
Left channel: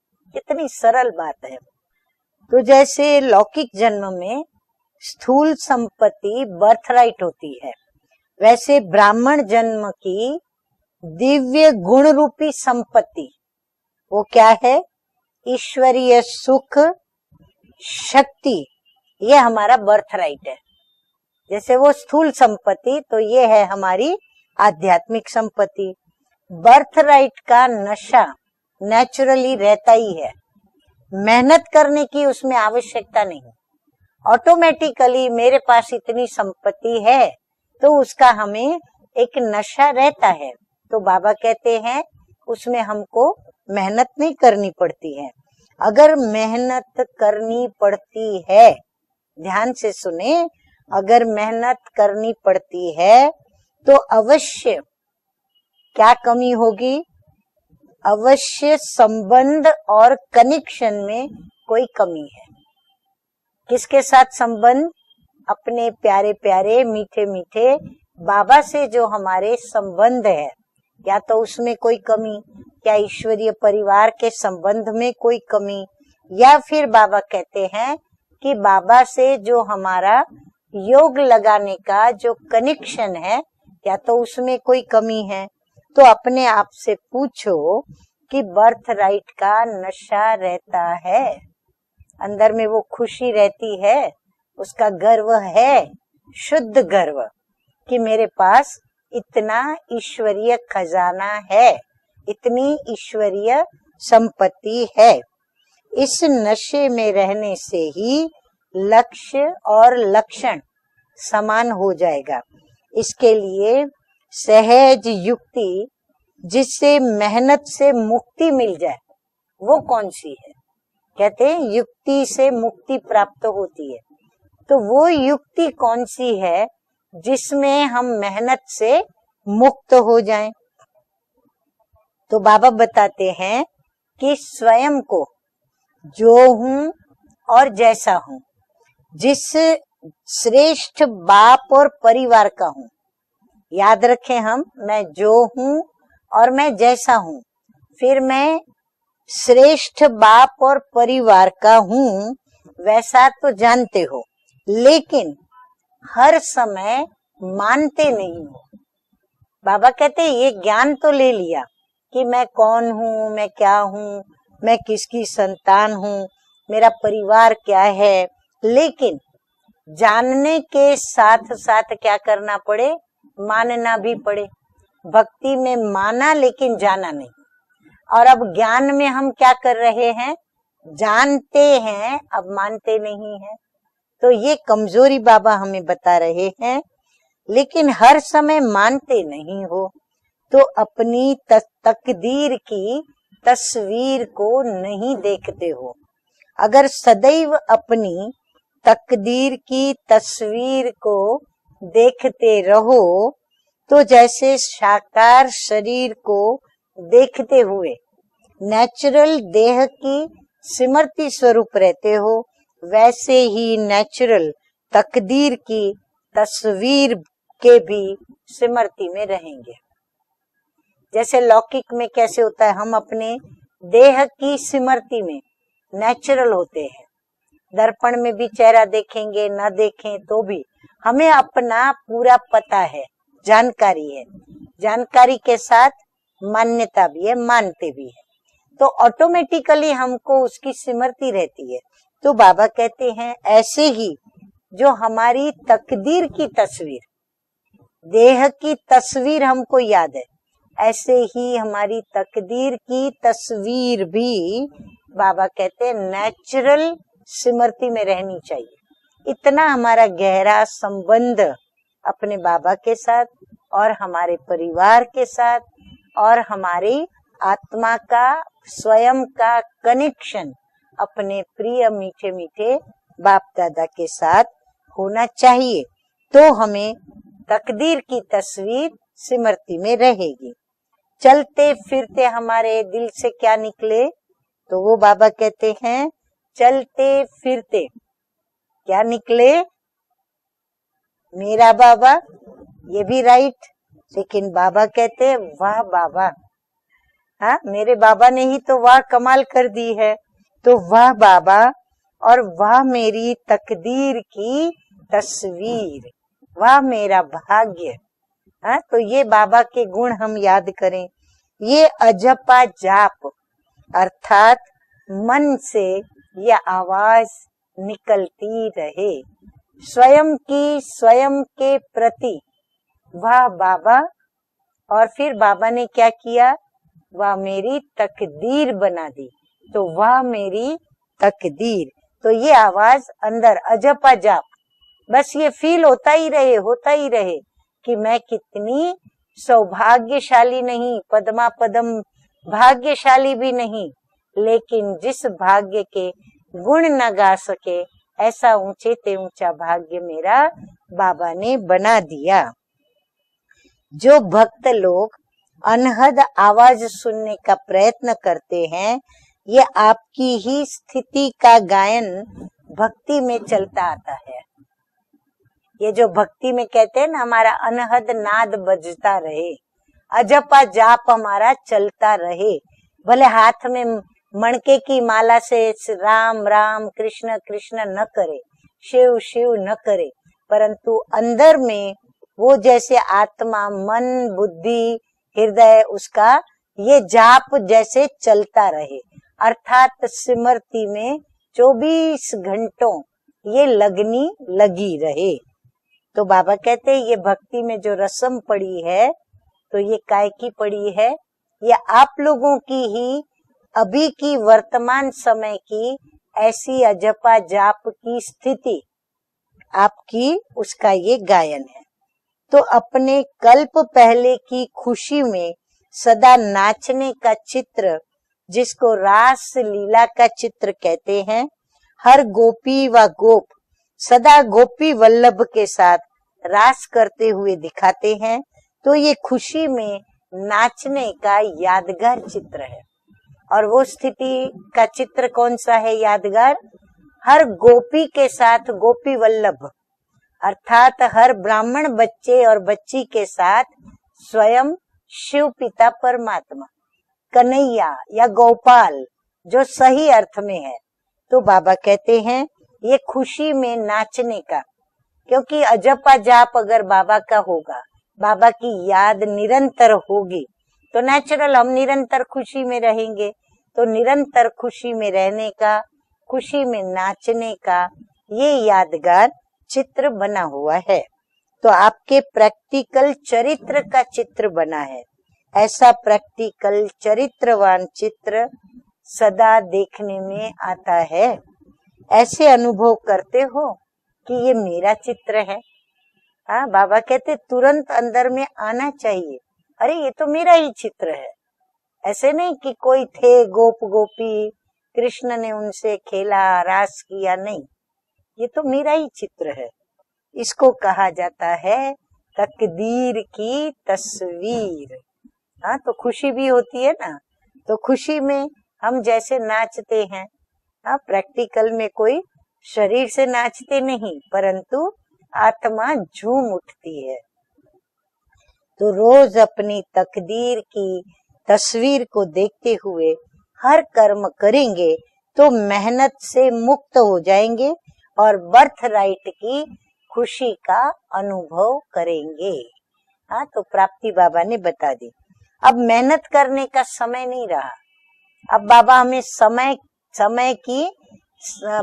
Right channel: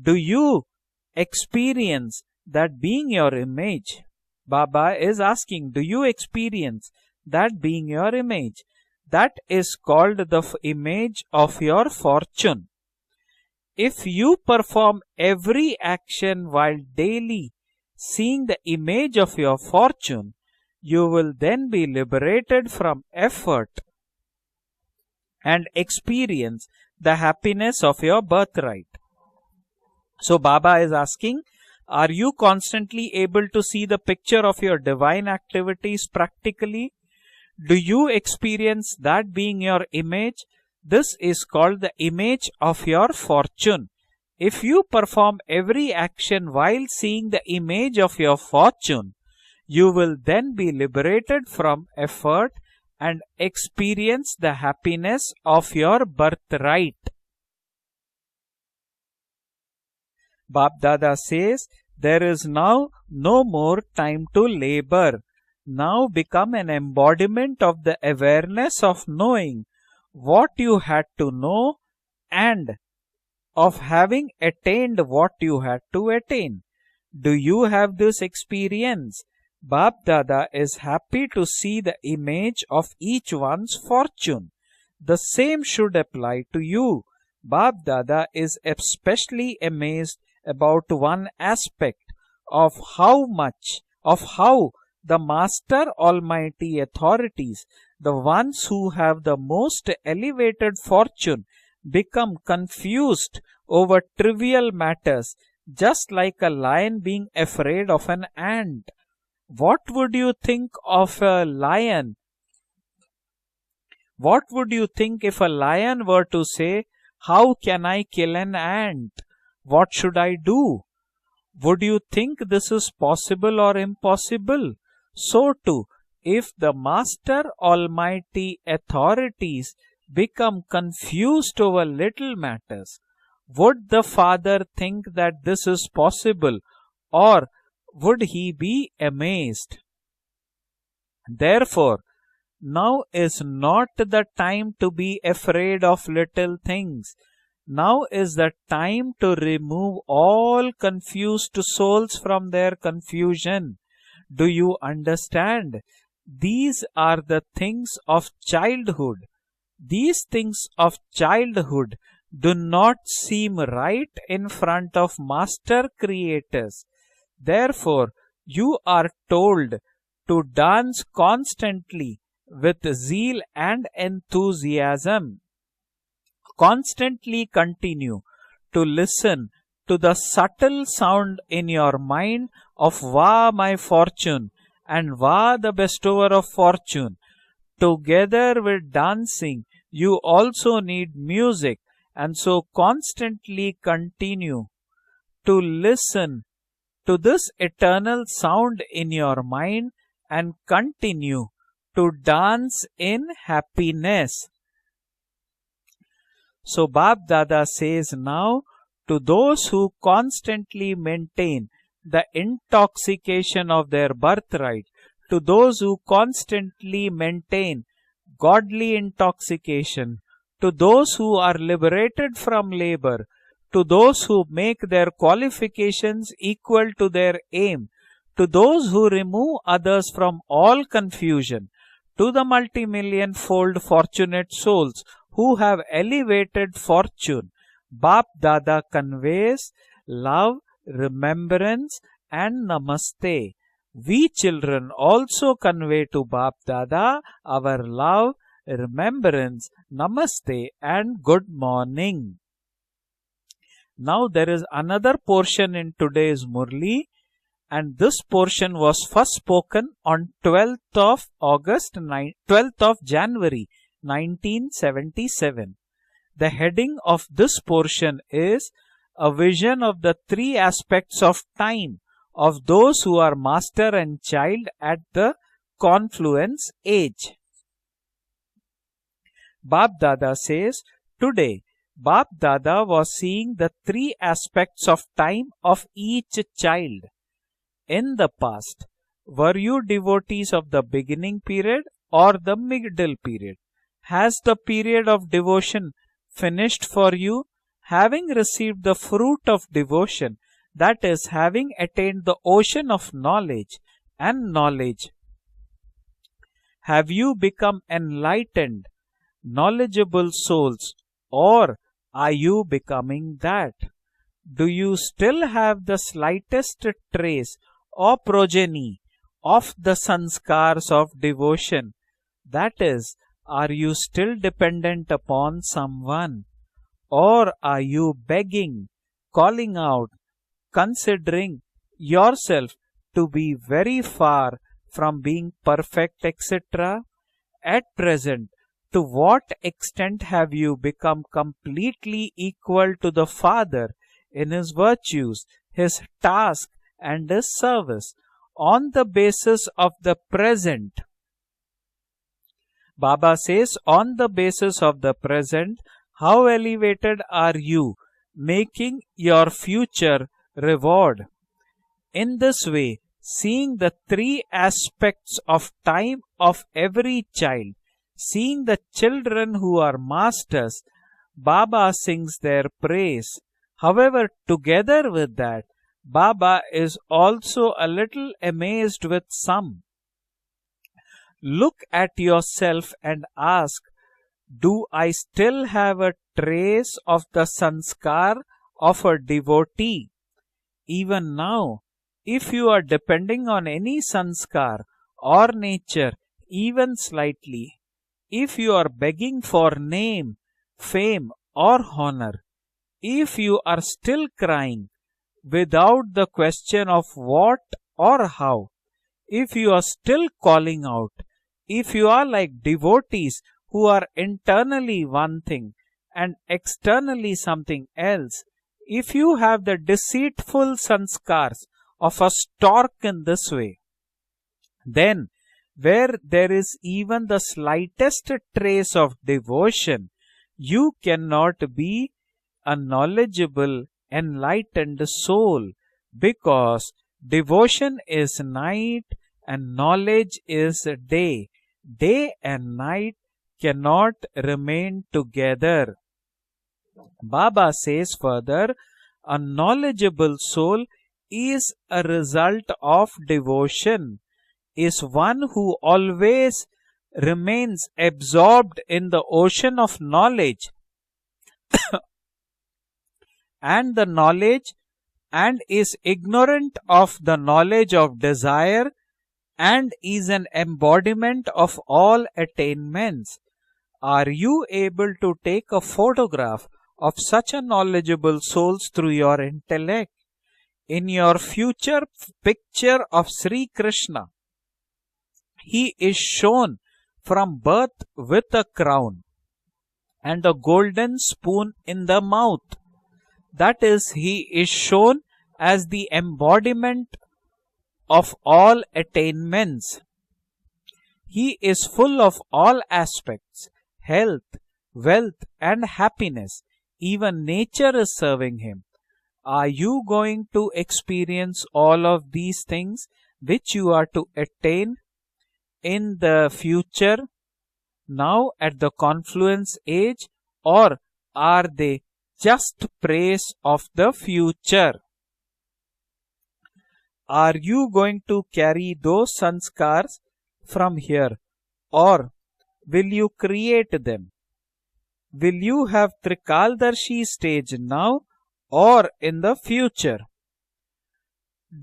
Do you कितनी सरल बात है। experience तो that being जैसे your लौकिक image? जन्म में Baba is स्थूल asking, do you संपत्ति experience बर्थराइट होती that है, being your image? वैसे ब्राह्मण That is जन्म called की the image of Divya your गुण रूपी fortune. संपत्ति If वो you क्या है? perform every ईश्वरीय action सुख, while daily seeing the शक्ति, image of ये your हमारा fortune, बर्थराइट है। you will then जैसे be वो स्थूल liberated संपत्ति, from तो ये है effort हमारी आध्यात्मिक and संपत्ति। experience the बर्थराइट का happiness of your नशा birthright. नेचुरली रहता ही है। So Baba is asking, मेहनत करने are की you उसमें constantly आवश्यकता able नहीं। to see the picture of your automatically divine मेरे पास activities इतनी practically? संपत्ति है, Do तो you उसका हमें experience that एक being your नशा रहता image? है। तो This बाबा is कहते called the हैं image उसमें of your हमको fortune. मेहनत नहीं If करनी you पड़ती है। perform every अगर action while मेहनत seeing the करनी image of पड़ती your है, fortune, ध्यान you से will सुने, then be अगर liberated मेहनत from करनी effort पड़ती है and experience the अवश्य happiness of your क्या कमी होगी? birthright. अवश्य संबंध और Bap कनेक्शन Dada में says कोई कमी there है। is now no more किसके time साथ to संबंध? labor. अपने Now प्यारे become an प्यारे मीठे embodiment मीठे of the बाबा awareness से of जो हमारे knowing संबंध है, what you had या to तो know उसमें कोई कमी, and क्या ईश्वरीय of परिवार having के संबंध attained में what कोई you कमी, had to attain. या फिर बाबा Do you कहते have हैं this कि बाबा experience? से जो Bap हमारा Dada is योग happy to लगाने see the का जो image of कनेक्शन each है, one's या तो fortune. उसमें कोई The कमी है, same should तो apply अपने to आप से you. पूछो Bap Dada कि is बर्थराइट especially का amazed नशा रहता about one है, aspect अंदर में of वो how खुशी रहती much, है, of how उसका the गर्व है, Master Almighty शुद्ध गर्व, authorities, कि the मेरे ones pass who have the इतना most ईश्वरीय elevated खजाना fortune, है, become इतनी confused ईश्वरीय over trivial संपत्ति है। matters, just इस like a नशे lion में being रहने से afraid of he an ant. लक्ष्य What और would you लक्षण think of a समान हो lion? जाएगा। इसके लिए What would you सहज think if a युक्ति lion were to say, जिससे how मेहनत can से I kill मुक्ति an मिल जाए, ant? वो What कौन should सी I है? do? कहते हैं Would you युक्ति think से this is मुक्ति प्राप्त possible or होती है। impossible? तो वो So युक्ति too, कौन सी if है the Master जिसमें हम Almighty मेहनत से authorities मुक्त हो जाएं? become confused over little तो बाबा matters, बताते हैं would the Father स्वयं think को that this is जो possible, हूँ or और जैसा would हूँ, he be जिस amazed? श्रेष्ठ बाप और Therefore, परिवार का हूँ, now is not याद the रखें हम, time to मैं be जो afraid हूँ of और little मैं things. जैसा हूँ, Now फिर is मैं the time to श्रेष्ठ remove बाप all और परिवार confused का souls हूँ, from their वैसा तो confusion. जानते हो, Do you लेकिन understand? हर These समय are the things मानते of नहीं। childhood. बाबा These कहते हैं ये things ज्ञान of तो ले लिया childhood कि मैं do कौन not हूँ, मैं seem क्या right हूँ, in मैं front of किसकी Master संतान हूँ, Creators. मेरा परिवार क्या Therefore, है, you are लेकिन told to जानने के dance साथ साथ constantly क्या करना पड़े, with zeal मानना and भी पड़े। enthusiasm. भक्ति में माना लेकिन जाना नहीं। Constantly continue और अब to ज्ञान में हम listen क्या कर to रहे the हैं, subtle sound जानते in your हैं, mind अब मानते of नहीं wow हैं। my तो fortune ये कमजोरी and बाबा wow the हमें बता bestower रहे of हैं, fortune. लेकिन हर समय Together with मानते नहीं dancing, हो, you तो also need अपनी music, and तकदीर so की constantly तस्वीर को continue नहीं to देखते हो। listen अगर to this सदैव eternal अपनी sound in your तकदीर की mind and तस्वीर को continue to देखते dance रहो, in तो happiness. जैसे साकार शरीर को So Bap देखते Dada हुए says now, to natural those देह who की constantly सिमरती maintain स्वरूप रहते the हो, वैसे intoxication he of their natural birthright, to तकदीर those की who constantly तस्वीर के maintain भी godly सिमरती में रहेंगे। intoxication, to those who जैसे are लौकिक में liberated कैसे होता है, from हम labor, अपने to देह those who की make their सिमरती में qualifications नेचुरल होते equal हैं। to their aim, दर्पण में भी to चेहरा those who देखेंगे, remove न others देखें from तो भी all हमें confusion, अपना to पूरा the पता है, multi-million-fold जानकारी है, fortunate souls जानकारी who के have साथ elevated मान्यता भी है, fortune, मानते भी। Bap Dada तो conveys ऑटोमेटिकली हमको love, उसकी सिमरती रहती है। remembrance तो and बाबा कहते हैं namaste. ऐसे ही We children जो हमारी also convey तकदीर to की Bap तस्वीर, Dada our love, देह की तस्वीर remembrance, हमको याद है, namaste and ऐसे good ही हमारी morning. तकदीर की तस्वीर Now there is भी another बाबा portion कहते in हैं today's natural Murli Smriti And में this रहनी portion चाहिए। was first इतना spoken हमारा on गहरा 12th संबंध of August, अपने बाबा 12th के of साथ January और हमारे परिवार के साथ 1977. और The हमारी heading of this आत्मा portion का is स्वयं a का vision of the connection three aspects अपने of प्रिय time मीठे of मीठे those who are बाप master दादा के and साथ child at होना the चाहिए, तो confluence हमें age. तकदीर की तस्वीर स्मृति में Bap Dada रहेगी। says, today, चलते फिरते Bap हमारे Dada दिल was से seeing क्या the निकले, three तो aspects वो of बाबा time कहते of हैं each child. चलते फिरते In the past, क्या निकले, were you devotees of the beginning मेरा period बाबा, or the ये middle भी period? राइट, Has लेकिन the बाबा period of कहते हैं वाह devotion Baba, finished for you? हाँ मेरे Having बाबा ने ही received तो the वाह कमाल fruit कर of दी है, devotion, तो that वाह is, Baba having attained the और वाह ocean of मेरी knowledge तकदीर and की knowledge, तस्वीर, वाह have मेरा you become भाग्य। हाँ, enlightened, तो ये बाबा के गुण knowledgeable हम याद souls, करें। or ये are you अजपा becoming जाप that? अर्थात Do you still मन have से the ये slightest आवाज trace or निकलती progeny रहे, of the स्वयं की sanskars of स्वयं के devotion? प्रति, That is, वाह are you Baba. still dependent और फिर upon बाबा ने क्या someone, किया, वाह or are मेरी you तकदीर begging, बना दी, calling तो out, वाह मेरी considering तकदीर, तो ये yourself आवाज to be अंदर very अजपा जाप, far from बस being ये फील होता perfect, ही रहे, होता etc.? ही रहे At कि मैं present, कितनी to what extent have सौभाग्यशाली you नहीं, become Padma Padma completely equal to भाग्यशाली the भी नहीं, Father in His लेकिन जिस virtues, भाग्य His के task, गुण न and गा His सके, service? ऐसा On ऊंचे the से ऊंचा basis of भाग्य the मेरा present, बाबा ने बना दिया। Baba says, on जो the भक्त basis of लोग the present, अनहद how आवाज elevated सुनने का are you, प्रयत्न करते हैं, making your ये future आपकी ही reward. स्थिति का गायन In this way, भक्ति में seeing चलता the आता है। three aspects of ये जो time भक्ति of में कहते हैं every ना, हमारा child, अनहद नाद seeing the बजता children रहे, who are अजपा masters, जाप हमारा Baba चलता sings रहे, their भले praise. हाथ में However, मणके की together with माला that, से Ram Baba Ram is Krishna also Krishna a न little करे, amazed Shiv with Shiv some. न करे, परंतु अंदर Look में at वो yourself जैसे and आत्मा ask, मन do बुद्धि I still हृदय have a उसका trace ये of जाप the जैसे sanskar चलता रहे, of a अर्थात devotee? स्मृति में Even now, 24 if you are घंटों depending ये on any लगनी sanskar लगी रहे। or nature, तो बाबा कहते even हैं ये भक्ति slightly, में जो रस्म if पड़ी you are है, begging for तो ये काय name, की पड़ी है, fame, ये or आप honor, लोगों की ही if you are अभी still की crying वर्तमान समय की without the ऐसी question of अजपा what जाप or की how, स्थिति, if you are still आपकी calling उसका ये out, गायन, if you are like तो अपने devotees कल्प who are पहले की internally खुशी one में thing सदा and नाचने का externally something चित्र, else, जिसको if you रास have the लीला का चित्र deceitful कहते हैं, sanskars her of a Gopi stork व in गोप this way, सदा गोपी then वल्लभ के साथ where there रास is करते even the हुए दिखाते slightest हैं, trace तो ये of खुशी में devotion, you नाचने का cannot be यादगार चित्र a है। और knowledgeable, वो स्थिति का enlightened चित्र कौन soul, सा है यादगार? because हर devotion गोपी के is साथ night Gopi Vallabh, and knowledge is अर्थात हर day. ब्राह्मण Day बच्चे और and बच्ची night के साथ cannot स्वयं remain शिव पिता together. परमात्मा, Baba कन्हैया says या further, गोपाल a जो सही knowledgeable अर्थ में है। soul तो is बाबा a कहते हैं result ये of खुशी में devotion, नाचने का, is one क्योंकि who अजपा जाप always अगर बाबा का होगा, remains बाबा absorbed की in याद the ocean निरंतर of होगी, knowledge, तो नेचुरल हम निरंतर खुशी में रहेंगे। तो and the निरंतर knowledge खुशी में रहने and का, is खुशी ignorant में of the नाचने knowledge का of ये desire यादगार and चित्र is बना an हुआ है। embodiment तो of आपके all प्रैक्टिकल attainments. चरित्र का Are चित्र you बना है। able to take ऐसा a photograph practical of such a चरित्रवान knowledgeable चित्र souls through your सदा intellect देखने में आता in है। your future ऐसे अनुभव picture of करते Sri हो Krishna? कि ये मेरा चित्र है। He is हाँ, shown बाबा कहते from तुरंत birth अंदर में with a आना crown चाहिए, अरे ये तो and मेरा a ही चित्र golden है। spoon in the ऐसे नहीं mouth. कि कोई थे गोप That is, Gopi, he is shown Krishna ने as उनसे the खेला रास embodiment किया, नहीं, of ये तो all मेरा ही चित्र है। attainments. इसको कहा जाता He है is full of all तकदीर aspects, की health, तस्वीर। wealth हाँ, and तो खुशी भी happiness. होती है ना, Even तो nature is खुशी में serving him. हम जैसे Are नाचते you हैं, going to हाँ, experience प्रैक्टिकल में all कोई of these शरीर things से which नाचते you are नहीं, to परंतु attain आत्मा in झूम the उठती है। future, now at तो the रोज confluence अपनी age, तकदीर or की are they तस्वीर को देखते just हुए praise हर of the कर्म करेंगे future? तो मेहनत से मुक्त हो Are जाएंगे you going और to birth carry right those की sanskars खुशी का from here? अनुभव Or करेंगे। will you हाँ, तो create प्राप्ति them? बाबा ने बता दी। Will अब you have मेहनत करने का समय Trikaldarshi नहीं stage रहा। now अब बाबा or हमें in the समय future? समय की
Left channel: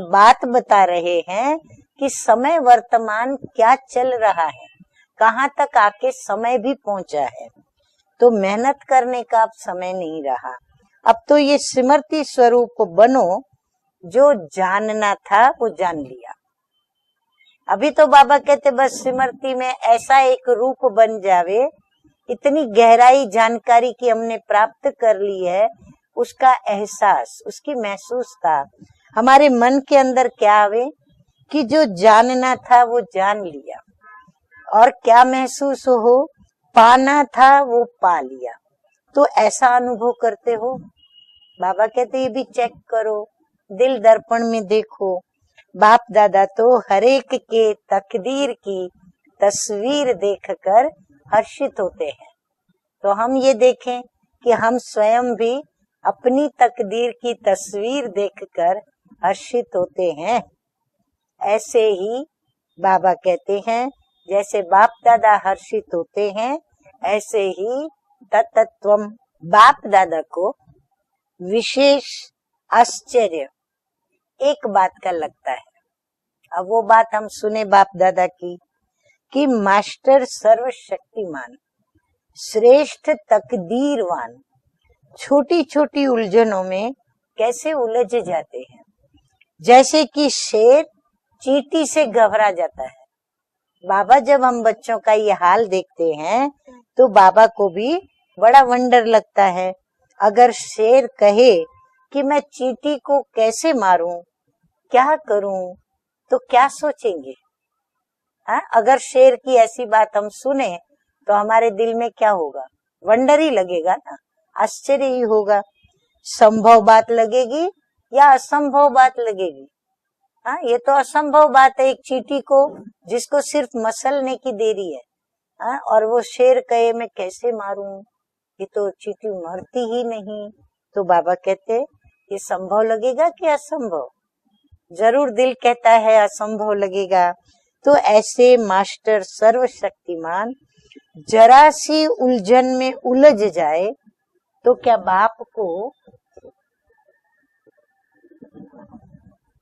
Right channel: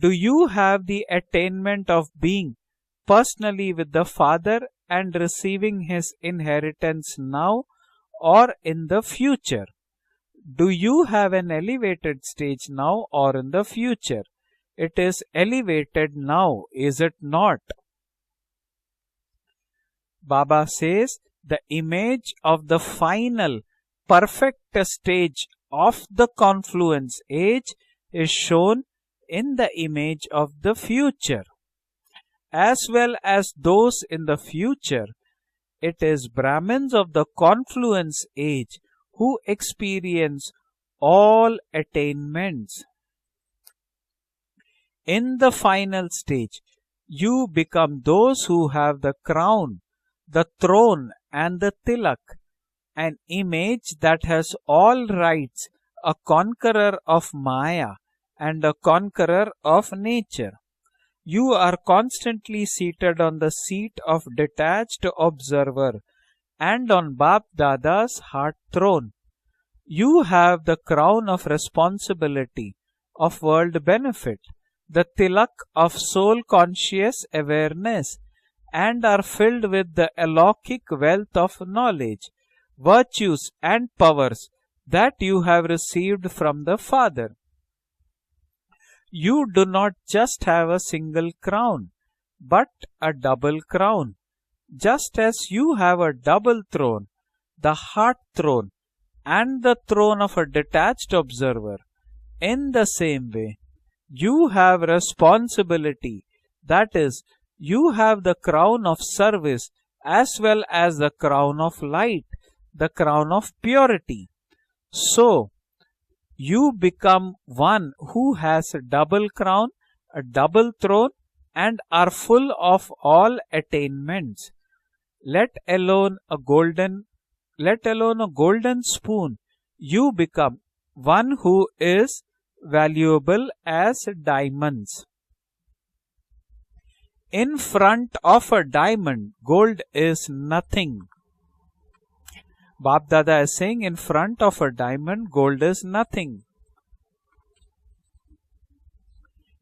Do बात you बता have the रहे हैं attainment of कि being समय वर्तमान personally क्या with the चल रहा Father है, and कहाँ receiving तक आके His समय भी inheritance पहुंचा है। now? तो or मेहनत in the करने का अब future? समय नहीं रहा। Do you अब have तो an ये elevated स्मृति stage स्वरूप now बनो, or in the future? जो It जानना is था वो जान elevated लिया। now, is it not? अभी तो बाबा कहते बस स्मृति में ऐसा एक Baba रूप says बन जावे, the image इतनी of the गहराई final जानकारी की हमने perfect प्राप्त कर ली stage है, of the उसका confluence एहसास, age उसकी is महसूसता shown हमारे in the मन के अंदर image क्या of the आवे future, कि जो जानना था as वो well जान as लिया, those in the और future. क्या महसूस It हो, is Brahmins of पाना the था वो पा confluence लिया। age तो who ऐसा अनुभव experience करते हो। all बाबा कहते ये भी चेक attainments. करो, दिल दर्पण में देखो, In the बाप final दादा stage, तो हरेक you के become those तकदीर who की have the crown, तस्वीर the देखकर throne, and the हर्षित होते tilak, हैं। तो an हम ये image देखें that has कि हम all स्वयं भी rights, a अपनी conqueror तकदीर of की Maya तस्वीर and a देखकर conqueror हर्षित of होते हैं। nature. You are ऐसे ही constantly Baba seated on the कहते हैं seat of जैसे बाप detached दादा हर्षित observer होते हैं, and on ऐसे Bap ही Dada's heart तत्त्वम throne. बाप दादा You को have the crown of wishes responsibility of आश्चर्य world benefit, एक बात the का लगता tilak है। of soul अब वो बात conscious हम सुने बाप awareness, दादा की and are कि filled with the master alaukic wealth सर्वशक्तिमान of knowledge, श्रेष्ठ virtues and तकदीरवान powers that you छोटी have छोटी received उलझनों from the में Father. कैसे उलझ जाते हैं, You do not जैसे कि just have a शेर single crown, चींटी से घबरा but जाता है। a double crown. बाबा जब हम बच्चों Just का ये as hall you have a देखते हैं double throne, तो बाबा को the भी heart बड़ा throne, वंडर लगता and है। the throne of a अगर शेर detached कहे observer, कि मैं in the चींटी को same way, कैसे मारूं, you have क्या करूं, responsibility. तो क्या That is, सोचेंगे? you have the हाँ, crown अगर of शेर की service ऐसी बात हम as well सुने as the तो crown हमारे of दिल में light, क्या होगा? the crown वंडर of ही लगेगा, purity. आश्चर्य ही So, होगा। You संभव बात become लगेगी one who या has a असंभव बात double लगेगी? crown, a हाँ, double ये तो throne, असंभव बात and है एक are चींटी full को of all जिसको सिर्फ मसलने attainments. की देरी है, Let हाँ, और alone वो a शेर कहे golden, मैं कैसे let मारूं, alone a ये golden तो चींटी spoon. मरती ही You नहीं। become तो one बाबा who कहते is ये संभव लगेगा valuable कि as असंभव? diamonds. जरूर दिल कहता है असंभव लगेगा। In तो front of ऐसे a master diamond, gold is सर्वशक्तिमान nothing. जरा सी उलझन में Bap उलझ Dada is saying जाए in front of a तो क्या diamond, बाप gold is को nothing.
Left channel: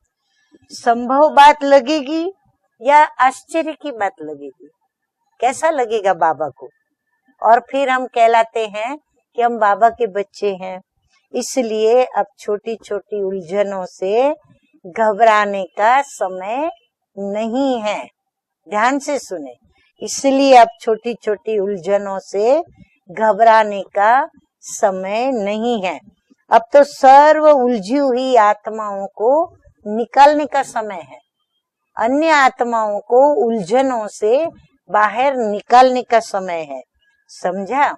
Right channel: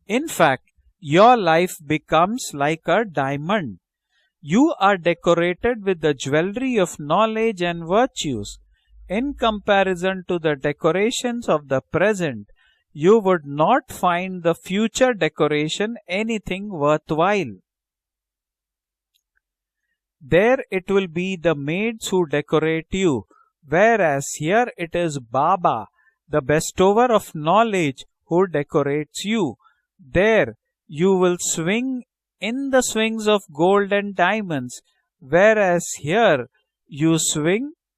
In fact, संभव your बात life लगेगी becomes like या a आश्चर्य diamond. की बात लगेगी? You are कैसा decorated with लगेगा the बाबा jewelry को? of और knowledge and फिर हम virtues. कहलाते हैं In कि हम बाबा के comparison to बच्चे the हैं। decorations of the इसलिए अब present, छोटी छोटी you would उलझनों not से find the future घबराने decoration का anything समय worthwhile. नहीं है। ध्यान से सुने, इसलिए There अब it will छोटी be छोटी the maids उलझनों who से decorate you, घबराने का whereas here it is समय नहीं Baba, है। the अब तो bestower of सर्व knowledge, उलझी हुई who आत्माओं decorates को you. निकालने There का समय you है। will swing अन्य in the आत्माओं swings को of gold उलझनों and से diamonds, बाहर whereas निकालने का here समय है। you swing समझा?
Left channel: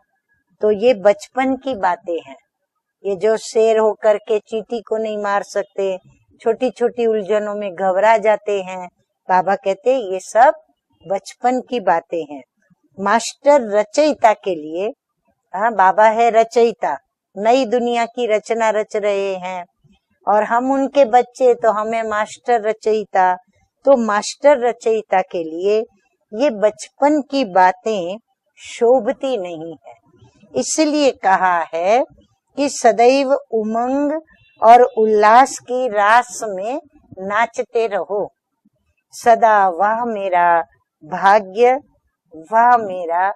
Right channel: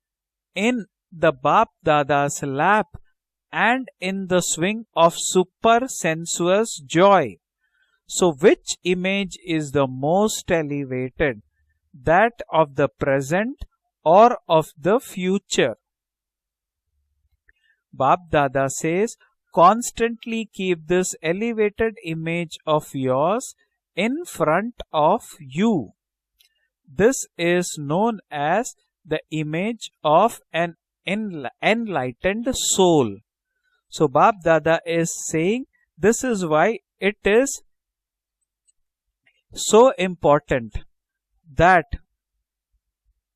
तो in ये the बचपन Bap की बातें Dada's हैं। lap ये जो शेर and होकर in के the चींटी swing को of नहीं मार super सकते, छोटी sensuous छोटी joy. उलझनों में घबरा So जाते which हैं। image बाबा is the कहते हैं ये most सब elevated, बचपन की बातें that हैं। of the present मास्टर रचयिता or के of लिए, the हाँ, future? बाबा है रचयिता, नई दुनिया Bap की रचना Dada रच says, रहे हैं constantly और हम keep उनके this बच्चे, तो elevated हमें image मास्टर of रचयिता, yours तो in मास्टर front रचयिता of के लिए you. ये बचपन This की is बातें known as the शोभती नहीं image है। of an इसलिए कहा है enlightened कि soul. सदैव So उमंग Bap Dada और is उल्लास saying की this रास is why में it is नाचते रहो। सदा so वह मेरा important भाग्य, that वह मेरा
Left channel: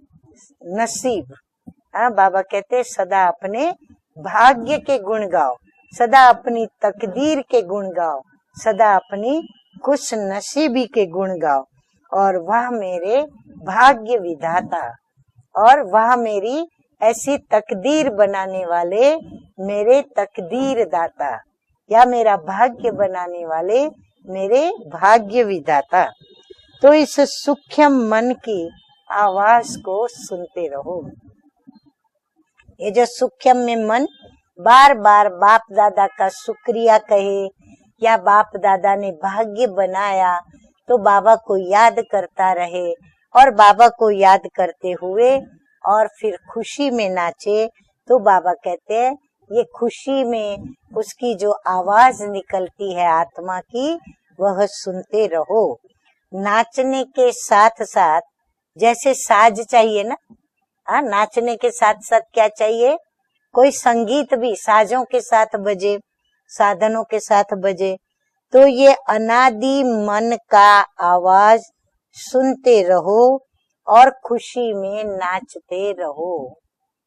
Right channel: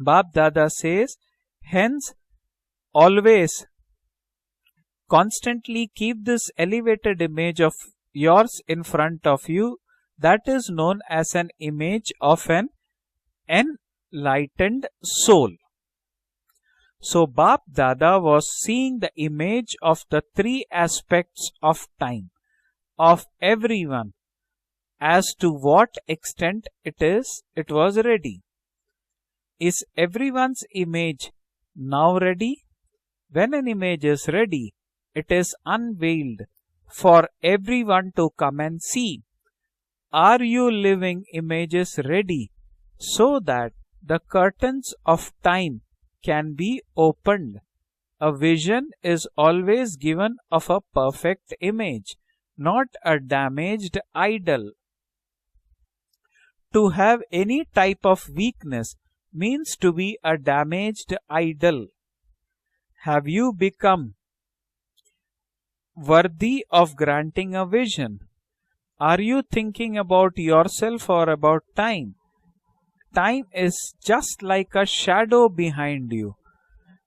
Bap Dada says, नसीब। hence हाँ, बाबा कहते हैं सदा always अपने भाग्य के गुण गाओ, constantly keep सदा this अपनी elevated तकदीर image के of गुण गाओ, yours in सदा front अपनी of you. खुश That is नसीबी known के as गुण an गाओ, image और of वह an मेरे भाग्य enlightened विधाता, soul. और वह मेरी So ऐसी Bap तकदीर Dada was बनाने seeing वाले the image मेरे of the three तकदीर दाता, aspects of या time, मेरा भाग्य of बनाने वाले everyone, मेरे as भाग्य to what विधाता। extent तो it इस is, it सूक्ष्म was मन ready. की आवाज Is को everyone's सुनते रहो। image now ready? ये जो When सूक्ष्म an में image मन is ready, bar bar it is बाप दादा का unveiled शुक्रिया for कहे, everyone या to बाप come and दादा ने see. भाग्य बनाया Are you तो living बाबा को याद images ready करता रहे, so और that बाबा को the याद curtains करते of हुए time और फिर can be खुशी में opened? नाचे? तो A बाबा vision कहते हैं is ये always खुशी given में of a उसकी perfect जो image, आवाज not निकलती है a आत्मा की, damaged वह idol. सुनते रहो। To नाचने have के any साथ type साथ of weakness जैसे साज means to चाहिए be ना, a हाँ, damaged नाचने के idol. साथ साथ क्या चाहिए? Have you कोई become संगीत भी साजों के साथ बजे, worthy of साधनों के साथ granting a बजे, vision? तो ये Are you अनादि thinking मन about का yourself or about आवाज time? सुनते रहो Time is और just खुशी like a में shadow नाचते behind रहो। you.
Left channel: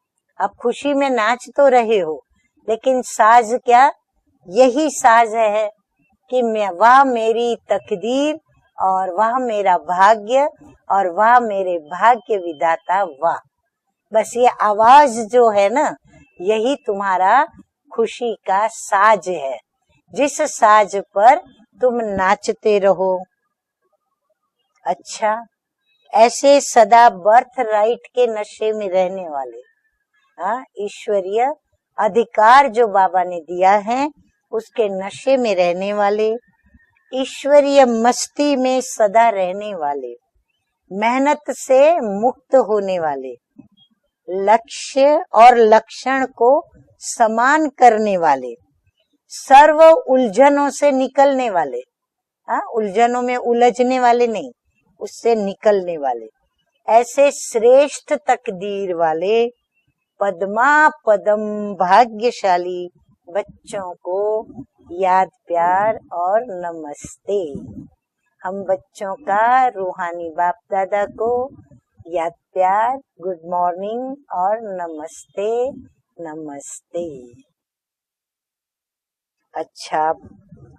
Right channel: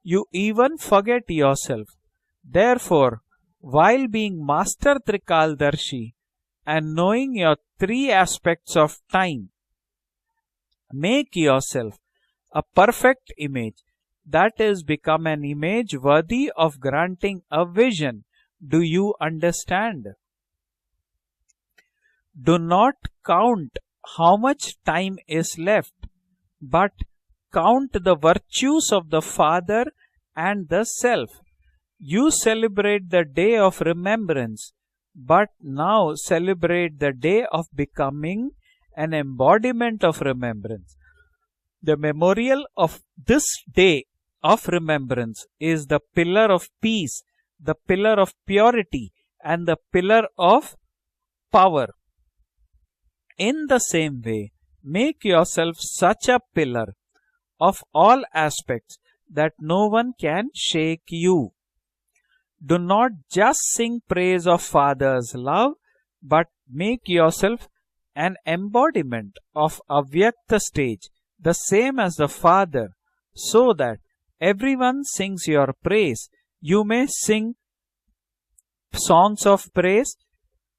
You अब even खुशी में forget नाच तो yourself. रहे हो, लेकिन Therefore, साज क्या? while being यही Master साज है Trikaldarshi कि and वह knowing मेरी your three तकदीर aspects of और वह time, मेरा भाग्य और make वह मेरे yourself भाग्य a विधाता perfect वाह। image बस ये that has आवाज become जो an है ना, image worthy यही of तुम्हारा granting a vision. खुशी का Do you साज है। understand? जिस साज पर तुम Do नाचते not रहो। count how much time अच्छा, is left, ऐसे सदा बर्थ count राइट the के नशे में virtues of रहने the वाले, Father and the self. ईश्वरीय You अधिकार जो celebrate बाबा the ने day दिया of है, remembrance, उसके नशे but में रहने now वाले, celebrate the day of ईश्वरीय becoming मस्ती में an सदा रहने embodiment वाले, of remembrance. मेहनत से The मुक्त memorial of होने वाले, this day of लक्ष्य remembrance और is the लक्षण pillar को of peace, समान the करने pillar of वाले, purity, and serve the pillar उलझनों of से निकलने वाले, power. उलझनों में In the उलझने same वाले way, नहीं, make इससे yourself निकलने such वाले, a pillar ऐसे of श्रेष्ठ all तकदीर aspects वाले, that no one can Padma shake Padma you. भाग्यशाली Do not just बच्चों sing को praise of याद Father's love, प्यार और but make नमस्ते। yourself an हम बच्चों embodiment का of रूहानी बाप Avyakta stage, दादा को the same as the याद Father, प्यार, गुड so that मॉर्निंग और everyone sings नमस्ते, your praise. You may नमस्ते। sing songs of अच्छा, praise,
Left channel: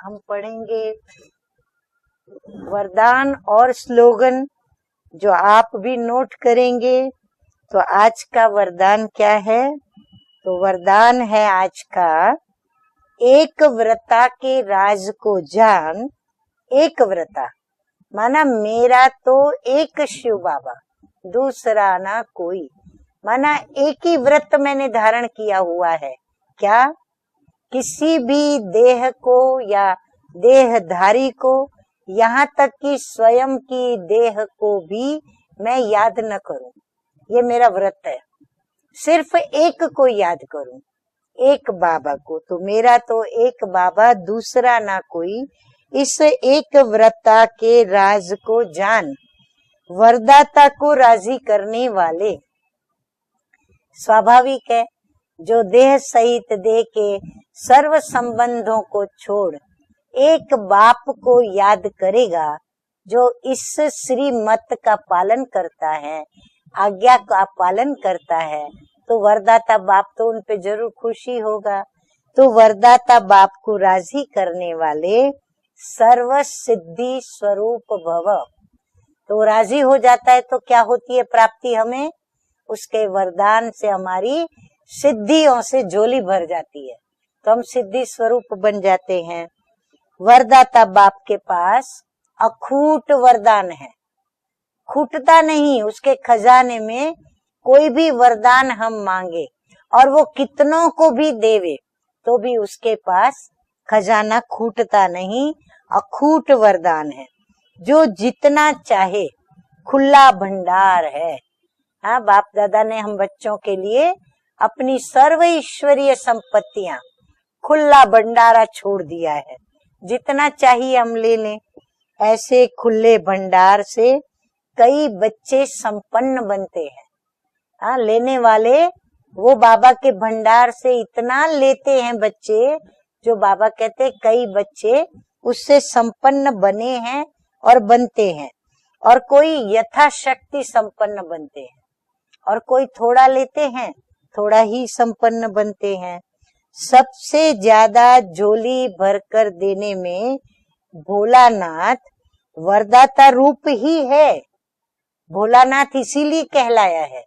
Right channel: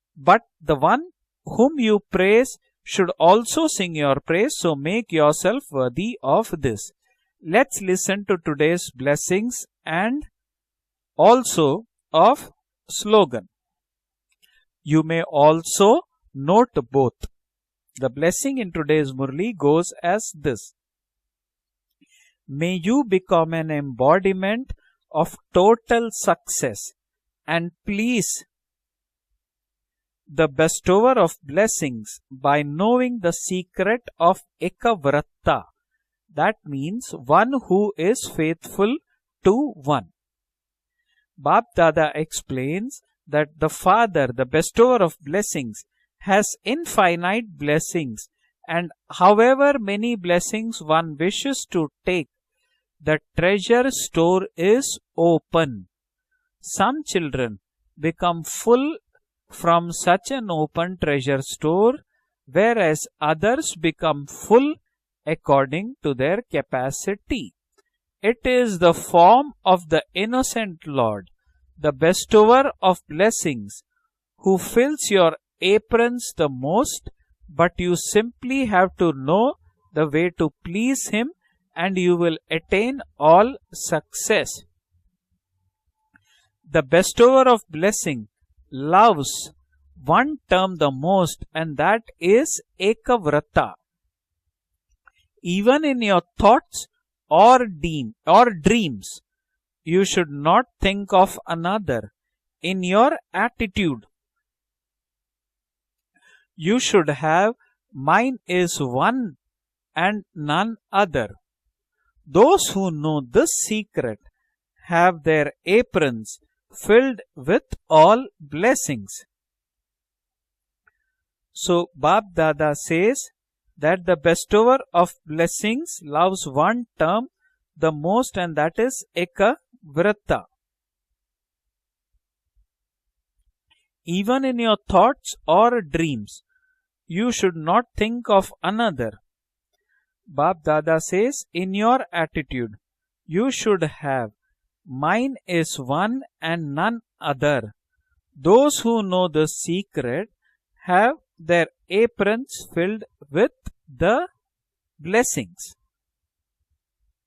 हम but the पढ़ेंगे one whom you praise should वरदान also और sing your slogan praise. So make जो yourself आप भी worthy नोट of this. करेंगे। Let's तो आज listen to का today's वरदान क्या blessings है? and तो वरदान है also आज का, of slogan. एक व्रता के राज You may को also जान, note एक both. व्रता The माना blessing in मेरा today's तो Murli goes एक as शिव this. बाबा, दूसरा ना कोई, May you become माना an एक ही व्रत embodiment मैंने धारण of किया हुआ total है। success क्या? and किसी please भी देह को या the bestower देहधारी of को, blessings यहाँ by तक कि knowing the स्वयं की secret देह of को भी Ekavratta. मैं याद न That करूं। means ये one मेरा who व्रत है, is faithful सिर्फ to एक one. को याद करूं, Bab एक Dada बाबा को। तो explains मेरा तो that एक the बाबा, Father, the दूसरा bestower ना of कोई, blessings, इस has एक व्रता infinite के blessings, राज को जान, and however many वरदाता blessings को one राजी wishes करने to वाले, take, the treasure store स्वाभाविक है, is जो open. देह सहित देह Some के children सर्व become संबंधों full को छोड़ from such एक an open बाप treasure को याद store, करेगा, whereas जो others इस become श्रीमत full का पालन according करता to है, their आज्ञा capacity. का पालन करता It है। is the तो form वरदाता of the बाप को उन पे innocent जरूर Lord, खुशी होगा। the तो bestower of वरदाता बाप blessings, को राजी who करने fills वाले your aprons serve the most, Siddhi but स्वरूप you भव। simply have to तो know राजी हो the जाता way है to तो क्या please होती है Him, प्राप्ति and हमें? you will attain उसके all वरदान से हमारी success. सिद्धियों से झोली भर The जाती है, bestower तो हम of सिद्धि blessing स्वरूप बन जाते loves हैं। one term वरदाता the बाप most, के and पास that is अखूट वरदान Ekavratta. है, खूटता नहीं। Even in उसके your खजाने thoughts में or कोई भी deeds or वरदान हम dreams, मांगे you और वो should not कितनों think को भी of देवे, another. तो भी In उसके your पास attitude, खजाना खूटता नहीं, अखूट you वरदान should है, have जो mine जितना is चाहे one खुला and none भंडार other. है। हाँ, बाप Those दादा who ने हम know बच्चों this के लिए secret अपनी have सर्व their ईश्वरीय aprons संपत्तियां filled with खुला all भंडारा छोड़ blessings. दिया है, जितना चाहिए हम ले लें। So Bab ऐसे Dada खुले says भंडार that से the bestower कई of बच्चे blessings संपन्न loves बनते one हैं। term the हाँ, most, लेने and वाले that is वो बाबा के Ekavratta. भंडार से इतना लेते हैं बच्चे, जो बाबा कहते हैं Even कई in your बच्चे thoughts or उससे dreams, संपन्न बने हैं you should और not बनते think of हैं, another. और कोई Bab यथाशक्ति Dada संपन्न says, बनते in हैं, your और attitude, कोई थोड़ा you लेते should हैं, have थोड़ा ही mine संपन्न is बनते one हैं। and none सबसे other. ज्यादा Those झोली who भर know कर the देने secret में have their Bholanath aprons filled वरदाता with रूप ही the है। blessings. भोलानाथ इसीलिए कहलाया है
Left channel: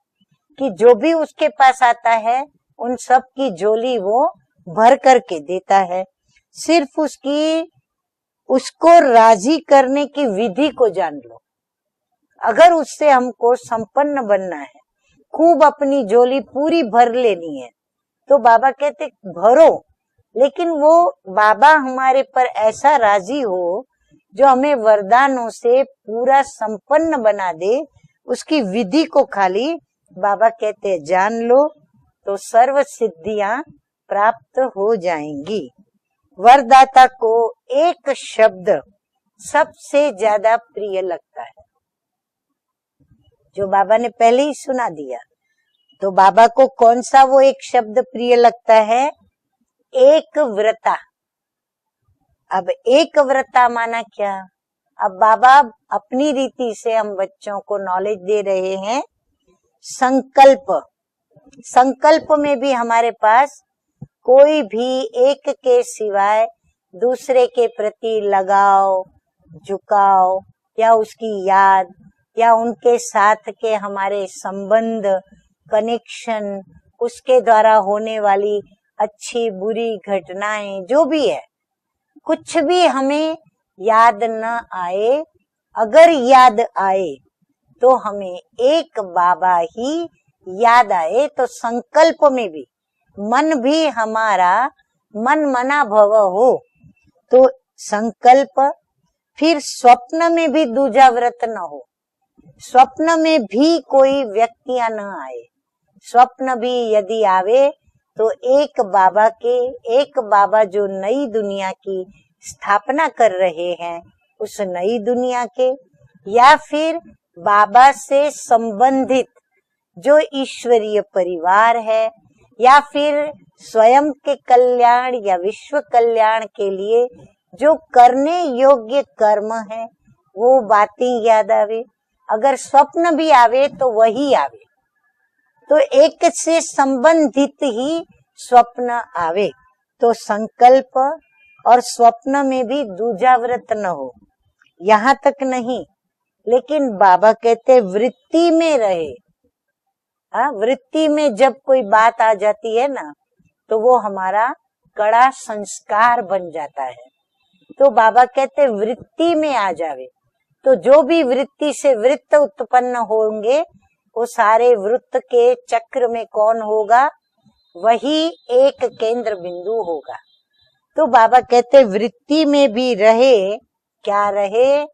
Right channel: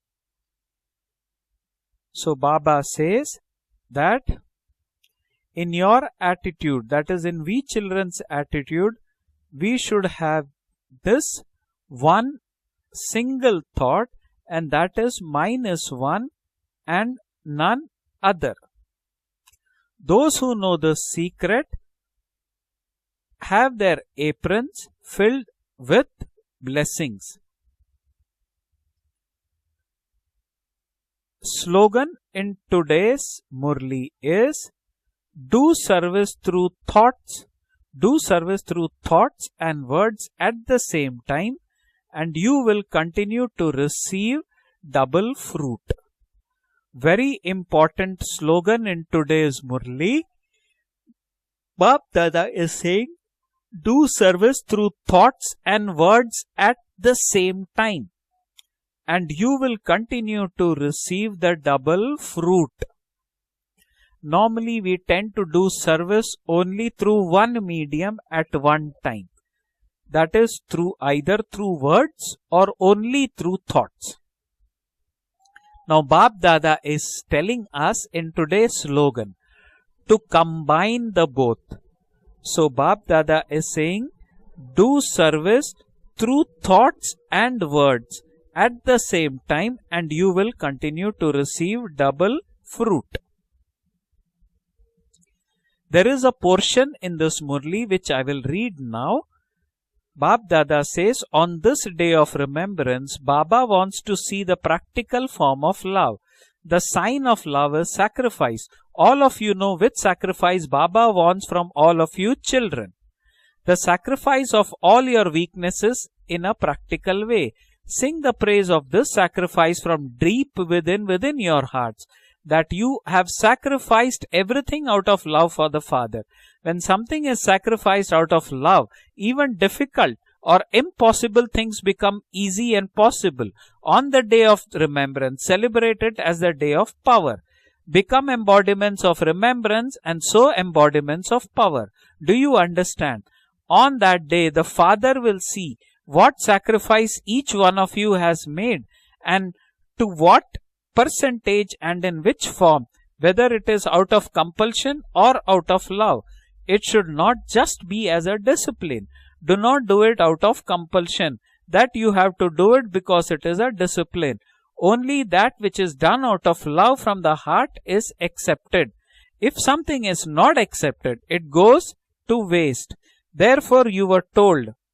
कि जो भी उसके पास आता So है Baba उन सब says की झोली that वो भर करके in देता है। your attitude, सिर्फ that is in we उसकी children's attitude, उसको राजी we करने should की have विधि को जान this लो। one अगर उससे हमको single thought, संपन्न बनना है, and that is mine खूब is अपनी one झोली पूरी भर and लेनी है, none तो other. बाबा कहते भरो। Those who लेकिन know वो the secret बाबा हमारे पर ऐसा राजी have हो their जो हमें aprons वरदानों filled से with पूरा संपन्न blessings. बना दे, उसकी विधि को खाली बाबा कहते हैं जान लो, Slogan तो in सर्व today's सिद्धियां Murli प्राप्त is हो जाएंगी। do service through वरदाता thoughts, को एक do service शब्द through thoughts and सबसे words ज्यादा at the प्रिय same लगता है, time, and you will continue जो to बाबा ने पहले receive ही सुना दिया। double fruit. तो बाबा को कौन सा वो Very एक शब्द important प्रिय लगता slogan है? in today's Murli. एक व्रता, Bap Dada अब is saying, एक व्रता माना do क्या? service through अब thoughts बाबा and अपनी words रीति at से हम the बच्चों same को time, नॉलेज दे रहे हैं। and you will continue संकल्प, to receive the double संकल्प में भी fruit. हमारे पास कोई Normally, भी we tend एक to do के service सिवाय only through दूसरे one के medium प्रति at लगाव, one time. झुकाव That is या through उसकी either याद through words या or उनके only साथ through के thoughts. हमारे संबंध, Now, Bap connection, Dada is उसके telling द्वारा us होने in वाली today's slogan अच्छी बुरी to घटनाएं जो combine भी the है, both. कुछ So भी Bap हमें Dada is saying, याद न do आए, service अगर through याद आए thoughts and तो words हमें at एक the same Baba time, he and you will याद continue आए to तो receive संकल्प double में भी fruit. मन भी हमारा मन मना There भव is a हो, portion in this तो Murli which I will संकल्प read now. फिर स्वप्न Bap में भी Dada दूजा says, व्रत on न this हो, day of remembrance, स्वप्न में Baba भी wants कोई to see the व्यक्तियां न practical आए, form of love. स्वप्न भी The यदि sign of आवे love is तो sacrifice. एक All बाबा of you के know which एक बाबा sacrifice जो Baba नई wants from दुनिया all की of you children. स्थापना कर रहे The हैं, sacrifice उस of नई all your दुनिया के weaknesses in या a फिर practical way. बाबा Sing से the praise of this संबंधित sacrifice from जो deep ईश्वरीय within your परिवार hearts. है, That या you फिर have स्वयं sacrificed के everything out कल्याण of या love for विश्व the Father. कल्याण के When लिए something is जो sacrificed out करने of love, योग्य कर्म even है difficult वो or बातें impossible याद things आवे, become अगर easy and स्वप्न भी possible. आवे तो On the वही day आवे, of remembrance, तो celebrate it एक as the से day of power. संबंधित ही Become स्वप्न embodiments of आवे, remembrance तो and so संकल्प embodiments of और power. स्वप्न Do you में भी understand? दूजा व्रत न On हो, that day, the यहाँ Father will तक see नहीं, what लेकिन sacrifice बाबा each one कहते of you has वृत्ति में made रहे, and to what वृत्ति में जब percentage कोई and बात in आ which जाती form, है ना, whether it तो is वो out of हमारा compulsion कड़ा or out of संस्कार love. बन जाता It है। should not just तो be बाबा as a कहते discipline. वृत्ति में Do आ not do जाए, it out of तो जो भी compulsion. वृत्ति That से you have वृत्त to do it उत्पन्न because it is होंगे, a वो discipline. सारे वृत्त Only के that which is चक्र done में out कौन of love होगा, from the heart is वही accepted. एक केंद्र If बिंदु something होगा। is not तो accepted, बाबा it कहते goes वृत्ति to में भी waste. रहे, Therefore, you क्या were told रहे,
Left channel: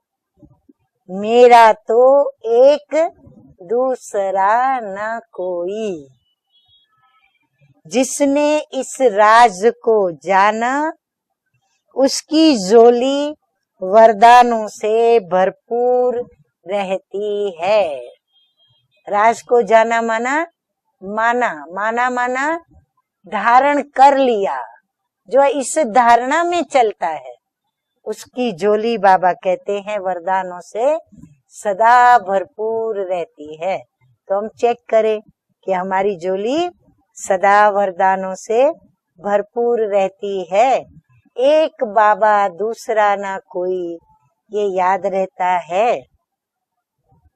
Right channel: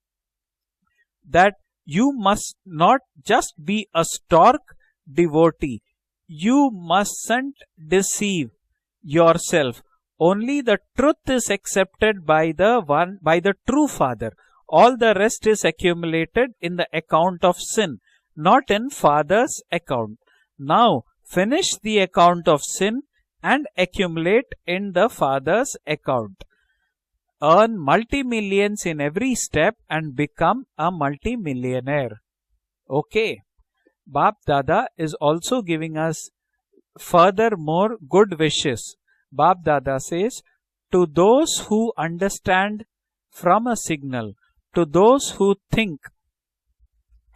मेरा that तो you must एक not just be a दूसरा stork न devotee. कोई, You mustn't जिसने deceive इस राज yourself. को Only जाना, the truth is accepted by उसकी the झोली one, by the true Father. वरदानों All the से rest is भरपूर accumulated in the account रहती of है। sin, not in Raj Father's को जाना account. माना Now, माना, finish the माना account माना of sin धारण and कर accumulate लिया, in the जो Father's इस account. धारणा में चलता है, Earn उसकी multi-millions झोली in बाबा every step कहते हैं and वरदानों become से a सदा multi-millionaire. भरपूर Okay. रहती है। Bap तो हम Dada चेक is करें also कि giving हमारी us झोली further सदा more वरदानों good से wishes. Bap भरपूर Dada रहती says, है। to those एक who बाबा understand दूसरा ना from a कोई, signal, ये to याद those who रहता है। think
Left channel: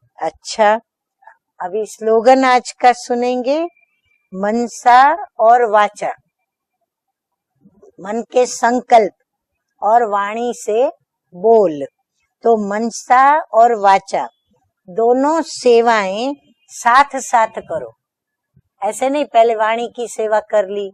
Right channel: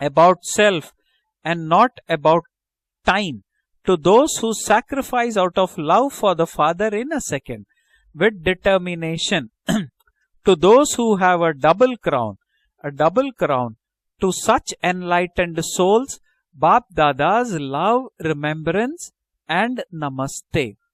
about अच्छा, self and अभी not स्लोगन about आज का time, सुनेंगे, to those who Mansa sacrifice out और of वाचा, love for the Father in a second, मन with के संकल्प determination, और वाणी to से those who have a बोल। double crown, तो a मनसा double crown, और वाचा to such दोनों enlightened souls, सेवाएं Bap साथ Dada's साथ करो। love, remembrance ऐसे नहीं पहले and वाणी की सेवा कर namaste. ली,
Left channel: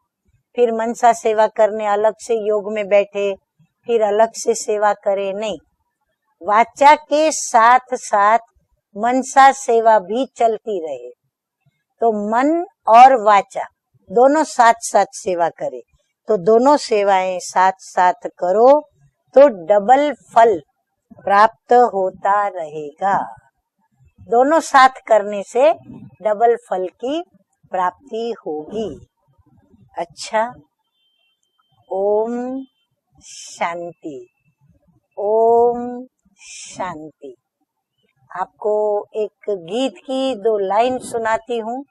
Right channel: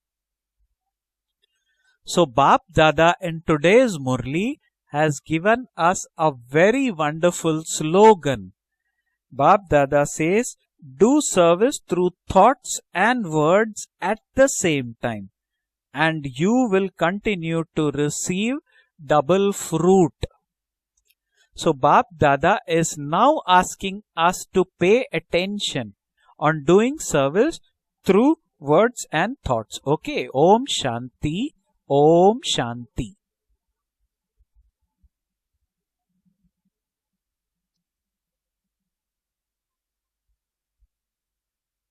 फिर मनसा सेवा करने अलग So से Bap योग में Dada बैठे, in today's फिर अलग से Murli सेवा has करे, नहीं। given us a very वाचा के wonderful साथ साथ slogan. मनसा Bap सेवा Dada भी says, चलती रहे, do service तो through मन thoughts और and वाचा words at दोनों the साथ same साथ time, सेवा करे, and तो you दोनों will सेवाएं continue साथ to साथ receive करो, तो double डबल fruit. फल प्राप्त So Bap होता Dada is रहेगा। now asking us दोनों to साथ pay करने से attention डबल on फल doing की service प्राप्ति through होगी। words and thoughts. Okay. अच्छा। Om Shanti. Om Shanti. शांति, ओम शांति। आपको एक गीत की 2 लाइन सुनाती हूँ,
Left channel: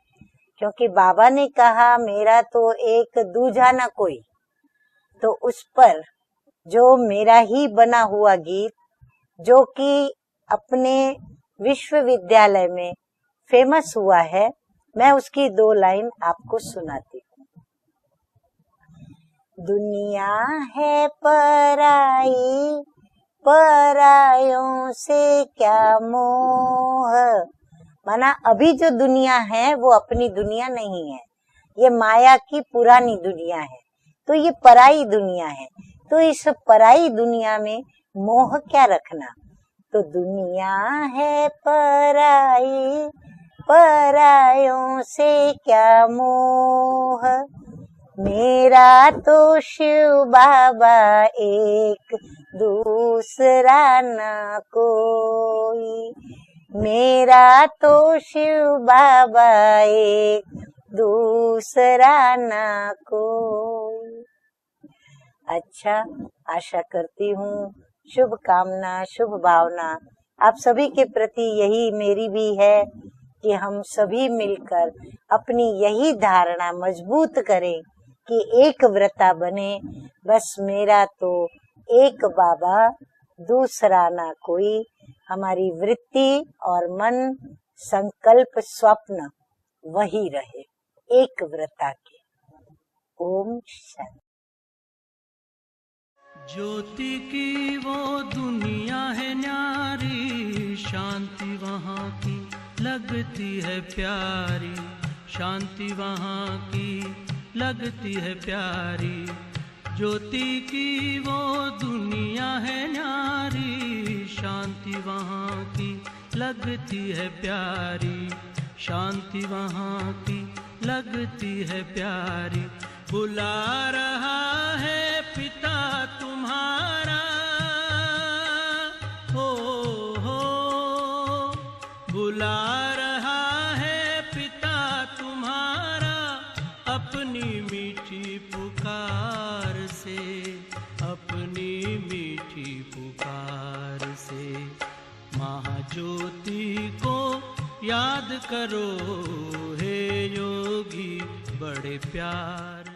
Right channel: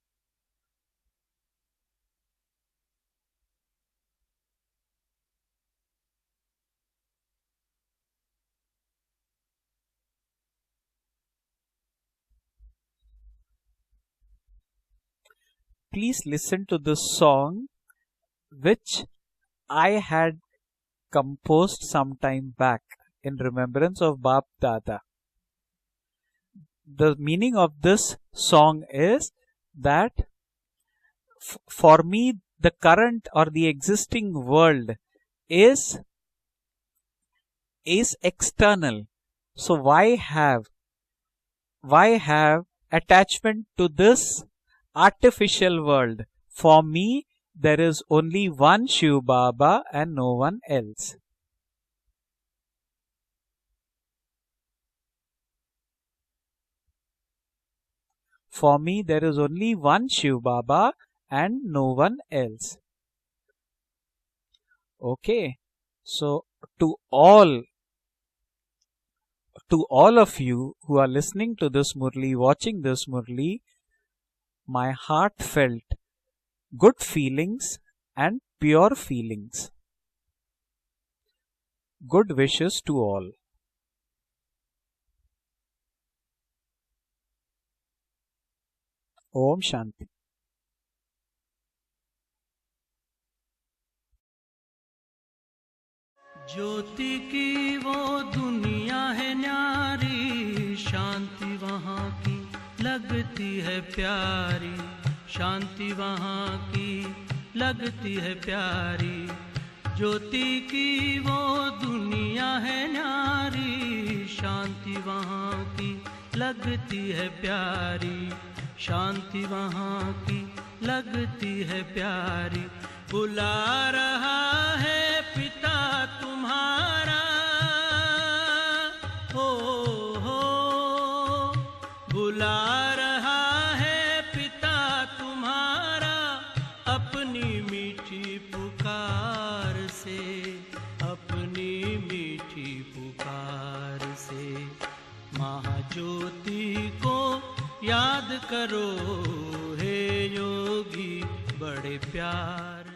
क्योंकि बाबा ने कहा मेरा तो एक दूजा ना कोई, तो उस पर जो मेरा ही बना हुआ गीत, जो कि अपने विश्वविद्यालय में फेमस हुआ है, मैं उसकी 2 लाइन Please आपको listen to सुनाती this song which I दुनिया had है composed some time पराई, back in remembrance of Bap परायों Dada. से क्या मोह। The meaning of this माना अभी song जो is दुनिया है वो that अपनी दुनिया नहीं है, for ये माया me की the पुरानी current or दुनिया the है, existing तो ये world पराई दुनिया है। is तो इस पराई दुनिया में is मोह क्या external. रखना, So तो why दुनिया है have पराई, attachment to this परायों से artificial क्या world? For me, मोह। there is only मेरा one Shiv तो Baba and Shiv no one Baba else. एक, दूसरा ना कोई, मेरा तो Shiv For me, there is Baba only one Shiv एक, Baba and no दूसरा one ना else. कोई। Okay. अच्छा, So आशा to करती all, हूँ, शुभकामना, शुभ to भावना all of आप you सभी who के are प्रति listening to यही this मेरी Murli, भी watching है this कि Murli, हम सभी my मिलकर अपनी heartfelt यही धारणा good मजबूत feelings करें and कि एक pure व्रता feelings. बने। बस मेरा तो एक Good wishes Baba, to all. दूसरा ना कोई, हमारी वृत्ति और मन, संकल्प, स्वप्न Om Shanti. वही रहे, एक व्रता के। ओम शांति। ज्योति की वो दुनिया है न्यारी, शांति वहाँ की लगती है प्यारी, शांति वहाँ की लगती है प्यारी। ज्योति की वो दुनिया है न्यारी, शांति वहाँ की लगती है प्यारी, शांति वहाँ की लगती है प्यारी। बुला रहा है पिता तुम्हारा, हो बुला रहा है पिता तुम्हारा, अपनी मीठी पुकार से, अपनी मीठी पुकार से। महाज्योति को याद करो हे योगी बड़े प्यार